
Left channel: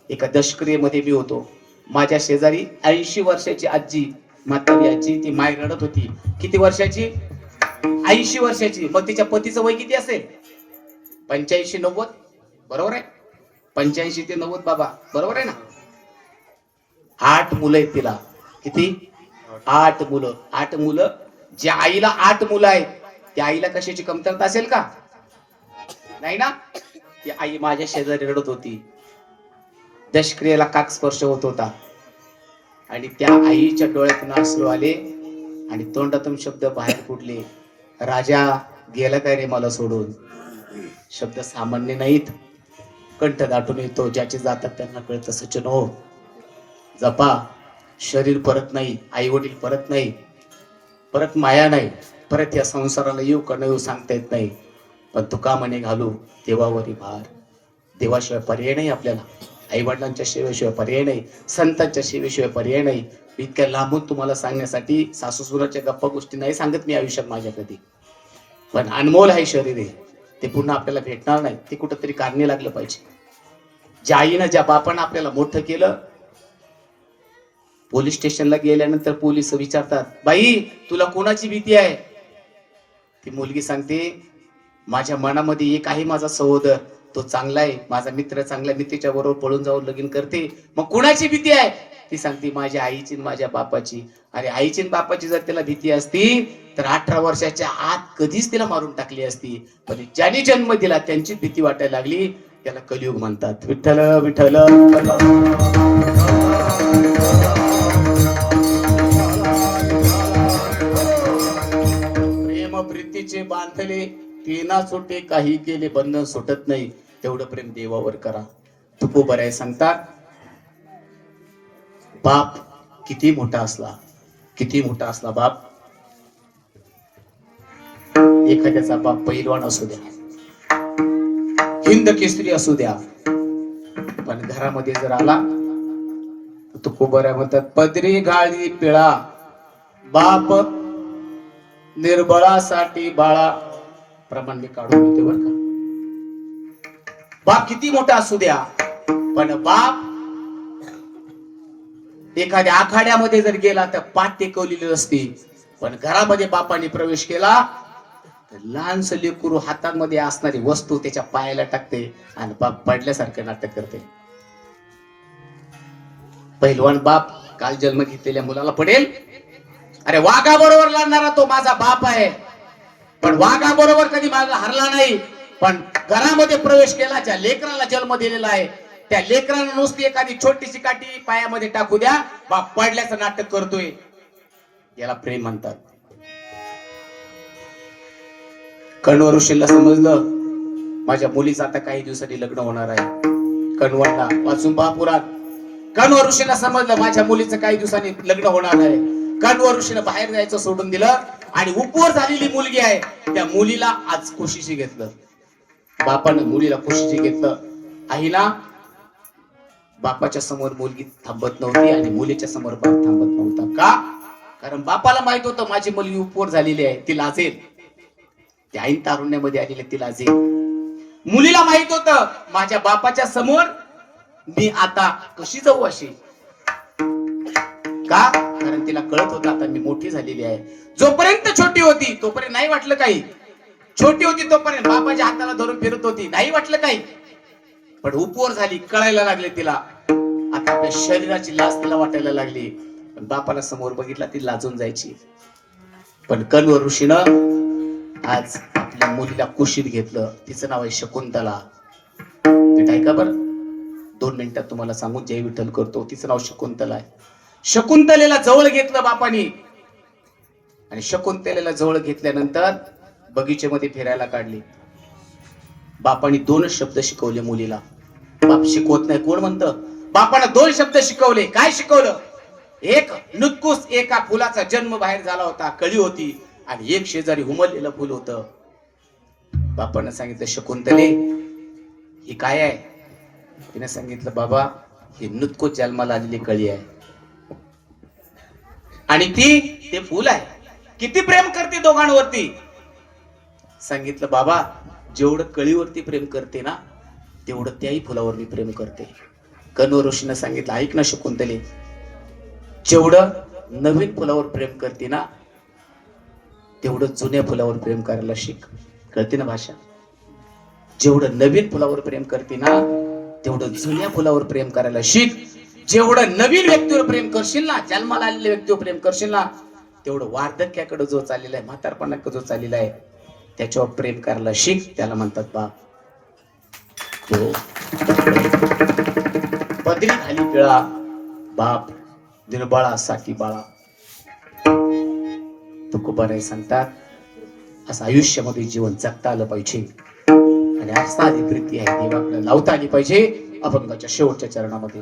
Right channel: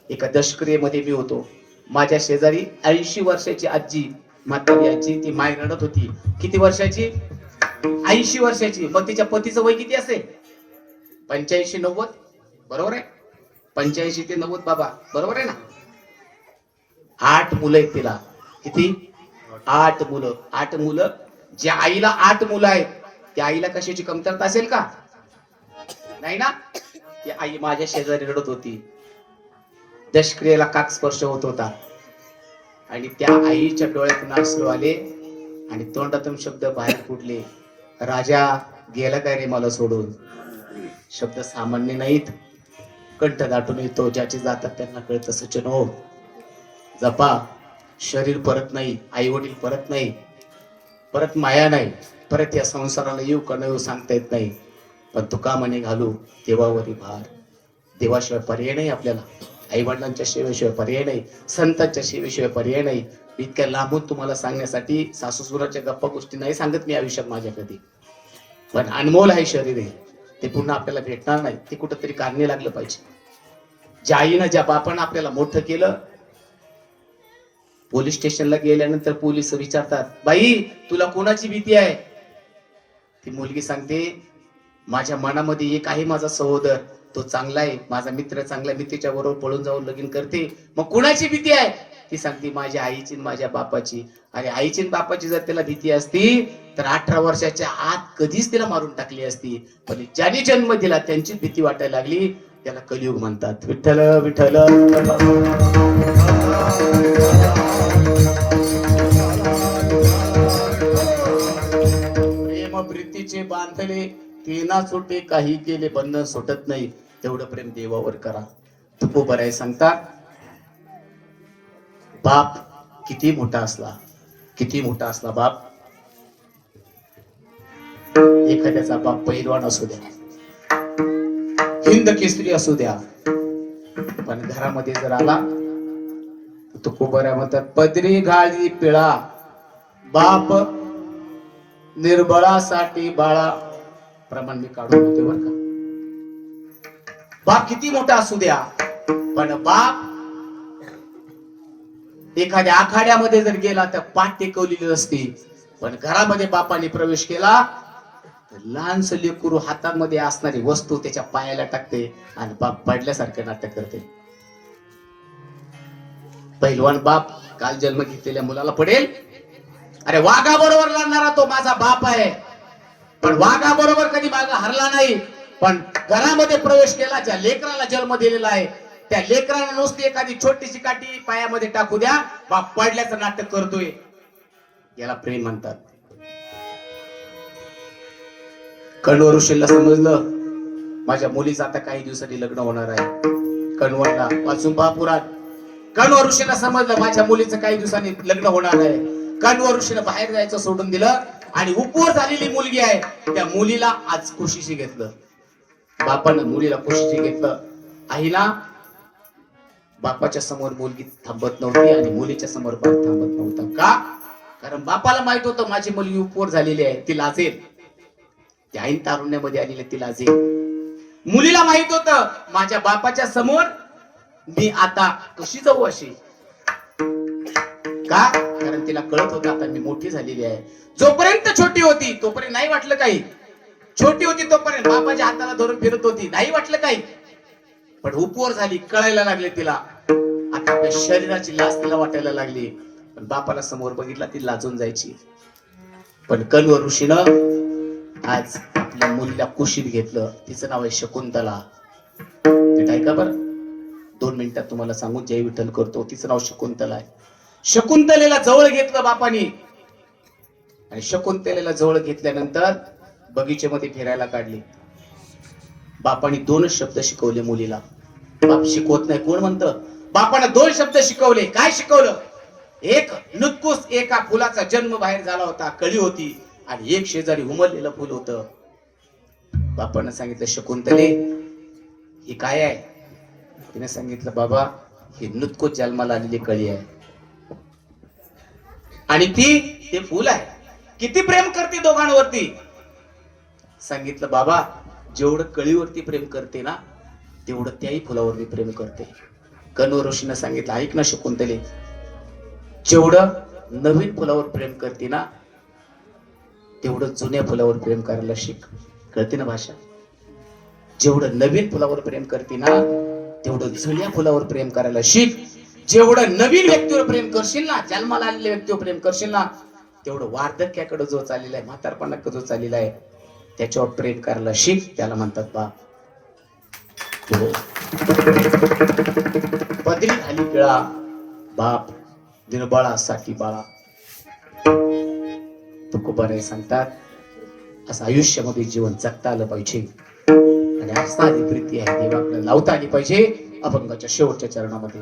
एका दशक्रियेमध्ये मी होतो. माझ्या शेजारी 80 वर्षाची आजी, म्हातारी आजी, ती माय रडत होती. किती वर्षाची? 80 वर्षाची. मग तिच्या पतीचं वय किती असेल? 85-90. बरोबर आहे? 85 ते 90 बाबा, बरोबर आहे ना? 8 मुलं आहेत तिला. किती? 8 मुलं. 8 मुलं. ज्या आईला 8 मुलं आहेत त्या आईला कशाची कमतरता असेल का? नाही ना? ती आई माझ्या शेजारी रडत होती. दशक्रियेला काक स्पर्श होत होता आणि त्या आईच्या डोळ्यातून अश्रू आले आणि तोंडातून शब्द बाहेर फुटले, राजा गेला काय रे मला सोडून. शब्द सामान्य नाहीत, कंठ दाटून येतो. ज्याचे जातात त्यांना कळतं. सचिन हो, जपा. शरीर परत नाही, आई वडील परत नाही, परत माया नाही, परत या संसाराला येऊ का नाही येऊ सांगता येत नाही. पण तुका म्हणे घालू देवावरी भार. देवाशिवाय पर्याय नाही आपल्याला. आई वडिलांच्या सेवेशिवाय पर्याय नाही, संतांच्या सेवेशिवाय पर्याय नाही. इतक्या लांबून तुम्हाला सांगण्यासाठी सासू सुराच्या गप्पा गोष्टी नाही सांगत मी आयुष्यात माझ्या कधी. पण अनमोल आहे शरीर आहे, ते पुन्हा आपल्याला भेटणार नाही. ते कुठंतरी कारणे लागलं पाहिजे. ज्या आईनं ज्या बापानं आपल्याला मोठं केलं, पोलीस स्टेशनला गेल्यानंतर पोलीस विचारतात, बाई तुला कोणाची भीती आहे? ती मुलगी सांगते, माझ्या मनामध्ये एक आहे, माझा सहोदर, तो चांगला आहे, माझा मित्र चांगला आहे, मी त्याच्या बरोबर पळून जाऊन लगीन करते. मग कुणाची भीती आहे? ती सांगते, माझ्या आईची माझ्या बापाची. अरे आईची बापाची जर त्याला भीती असती तर 18 वर्षाच्या आत कधीच तिला मारून टाकली असती. पण ज्याने जन्म दिला त्यांची भीती वाटायला लागली. त्याला कलियुग म्हणतात. विठ्ठल विठ्ठल. प्रेम प्रीतीचे बांधले तीना सुटे, काही केले बंधन सुटत नाही. तेवढं प्रेम देवावर करा. तुकोबराय सांगतात, बाप किती मोठा असला बाप, एखाद्याचा बाप पैलवान असू द्या, हिंद केसरी असू द्या, पण घरामध्ये जर आला तुकोबराय म्हणतात, पदरी गाळी पिळा बाप निर्बळासाठी बाळा. प्रमाण मी काढून देते बरं का. बाप किती मोठा असू द्या, पण बाप एखाद्या आखाड्यामध्ये जर गेला तर पाठ टेकवलेली असते. पण घरामध्ये बापाने प्रवेश केला तर लहानस लेकरू हातामध्ये असणारी वस्तू त्याच्या पायाला टाकते आणि बाप पडल्यासारखं नाटक करते. पहिलवान बाप काल जन्म घेतलेल्या मुलाला पडेल. अरे वाघा बरोबर लढणारा तो माझा बाप आहे, पण वाघा बरोबर कधी माझा हरला नाही. पण घरामध्ये प्रवेश केला, ज्या लेकराला जन्म दिलेला आहे त्या लेकराला नुसती एखादी छोटीशी काठी पायामध्ये टाकू द्या, बाप पडल्याचं नाटक करतोय. याला प्रेम म्हणतात. कण्व ऋषीला समजलं माझ्या मुलीचं आता काही दिवसांनी लग्न होणार आहे. कण्वाला वाचून महापुरात कण्व ऋषीला समजलं माझ्या मुलीचं काही दिवसांनी लग्न होणार आहे. कण्व ऋषीला बाहेर जायचं सोडून दिलं आणि उपवर झालेली मुलगी आहे त्या मुलीला आज खुशीशी घेतलं. बापानं मुलीला खुशीशी घेतलं. आईला बापाच्या समोर मुलगी थांबत नव्हती आणि मुलीच्या समोर बाप थांबत नव्हता. का? कारण बापाला माहित होतं माझी मुलगी उपवर झालेली आहे, ती लाजेल. ती ऐन तारुण्यामध्ये आलेली ती लाजेल. मुलीला माहित होतं माझ्या बापाच्या समोर मी आता कशी जाऊ अशी. का? कारण तिला कळत होतं आता मी मोठी झालेली आहे. जोपर्यंत छोटी होती तोपर्यंत नाही वाटलं काही. छोटी होती तोपर्यंत बापाच्या हाताला धरून फिरत होती, नाही वाटलं काही. पण उपवर झाली, कळायला लागले तिला. आता आपल्या शरीराची लाज तिला वाटायला लागली. पण बापाला समोर बघितला ती लाजून जायची. पण कण्व ऋषीनं आज आपल्या मुलीला कुशीत घेतलं. तिचं नाव आहे शकुंतला. नीट ऐका बरं, 2 मिनिटात तुम्हाला सांगू. जय विठ्ठल करतो. तिचं नाव शकुंतला आहे. शकुंतलेला जवळ घेतलं बापानी आणि शकुंतलेला जवळ घेतल्यानंतर बगीचेमध्ये फिरायला काढली. बापाने 2 शब्द शिकवले मुलीला. बाप शिकवत नाही कोण म्हणतं? बापाने 2 शब्द शिकवले. काय शिकवलं? एक नुतकुस एका फुलाचा जन्म बाहेर झाला होता, कळी होती, आणि एक शेजारी उमललेलं फुल होतं. बापानं सांगितलं शकुंतले ही काय आहे? तिने सांगितलं बाबा ही नुतकुस जन्माला आलेली कळी आहे आणि ते फुल आहे. किती प्रेम करते दोघांवरती? सांगितलं बाबा जेवढं कळीवरती प्रेम करते ना तेवढं त्याही फुलावर मी प्रेम करते. कण्व ऋषीनं सांगितलं ऐक ना शकुंतले, जेवढं नवीन फुलावर प्रेम करते ना तेवढं जुन्या फुलावर प्रेम करायला शिक. कळते ना भाषा? जेवढं नवीन फुलावर प्रेम करते ना तेवढं जुन्या फुलावर प्रेम करायला शिक. जेवढं नवीन व्यक्तीवर प्रेम करशील ना, जन्माला आलेल्या व्यक्तीवर प्रेम करशील ना, तेवढं वार्धक्याकडे जो चाललेला आहे, म्हातारपणाकडे जो चाललेला आहे त्याच्यावर प्रेम करायला शिक. त्याला म्हणतात बाप. पदरी खाली पिळा बाप निर्बळा साकी बाळा. तुकोबाराय सांगतात असं आयुष्यामध्ये जीवन जगता आलं पाहिजे आणि असणारी प्रीती आहे देवाकडे लावता आली पाहिजे. अभंगाच्या शेवटच्या चरणामध्ये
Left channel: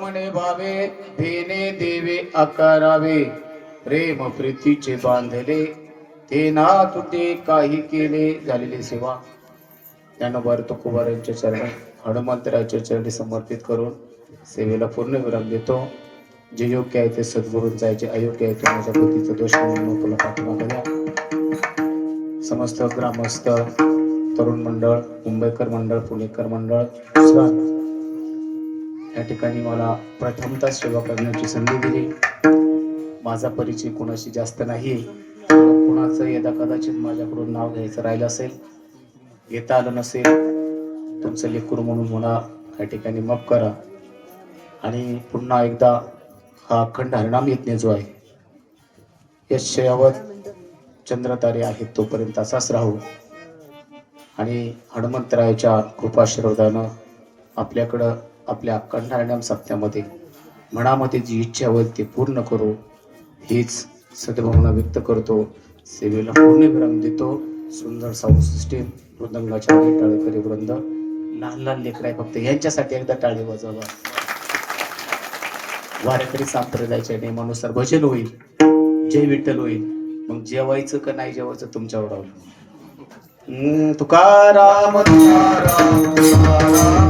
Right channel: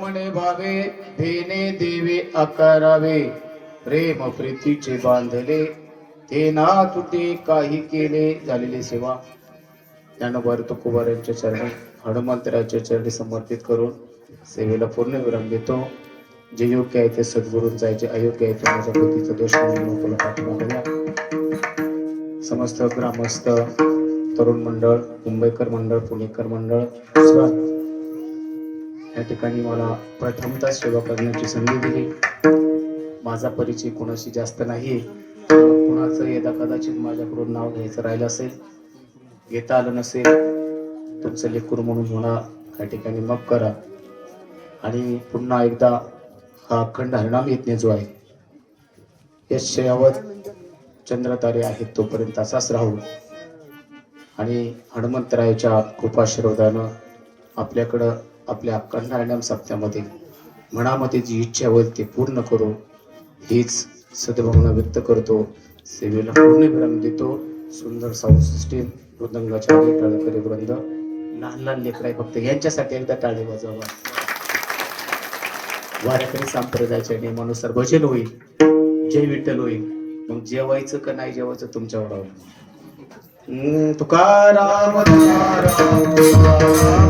म्हणे भावे धेने देवे आकारावे प्रेम प्रीतीचे बांधले ते ना तुटे काही केले झालेली सेवा ज्ञानोबा तुकोबा यांच्या चरणी हनुमंतराच्या चरणी समर्पित करून सेवेला पूर्ण विराम देतो. जे योग्य आहे ते सद्गुरूंचा आहे, जे अयोग्य आहे ते माझ्या बुद्धीचा दोष म्हणून पाठिंबा द्या. समस्त ग्रामस्थ तरुण मंडळ, मुंबईकर मंडळ, पुणेकर मंडळ या ठिकाणी मला प्रथमतः सेवा करण्याची संधी दिली. माझा परिचय कोणाशी जास्त नाही, कुणाचं यदा कदाचित माझ्याकडून नाव घ्यायचं राहिलं असेल, घेता आलं नसेल, तुमचं लेकरू म्हणून म्हणा या ठिकाणी माफ करा. आणि पुन्हा एकदा हा अखंड हरिनाम यज्ञ जो आहे यशयावत चंद्रतारे आहेत तोपर्यंत असाच राहू आणि हनुमंतरायाच्या कृपाशीर्वादानं आपल्याकडं आपल्या अखंड हरिनाम सप्त्यामध्ये मनामध्ये जी इच्छा होईल ते पूर्ण करू हीच सद्भावना व्यक्त करतो. सेवेला पूर्ण विराम देतो. सुंदर साऊंड सिस्टीम, मृदंगाच्या टाळकरी वृंद, लहान लहान लेकर आहे फक्त यांच्यासाठी एकदा टाळी वाजवा. वारकरी संप्रदायाच्या नियमानुसार भजन होईल, जय विठ्ठल होईल. मग जेवायचं का नाही जेवायचं तुमच्यावर अवलंबून. तुकाराम तुकाराम तुकाराम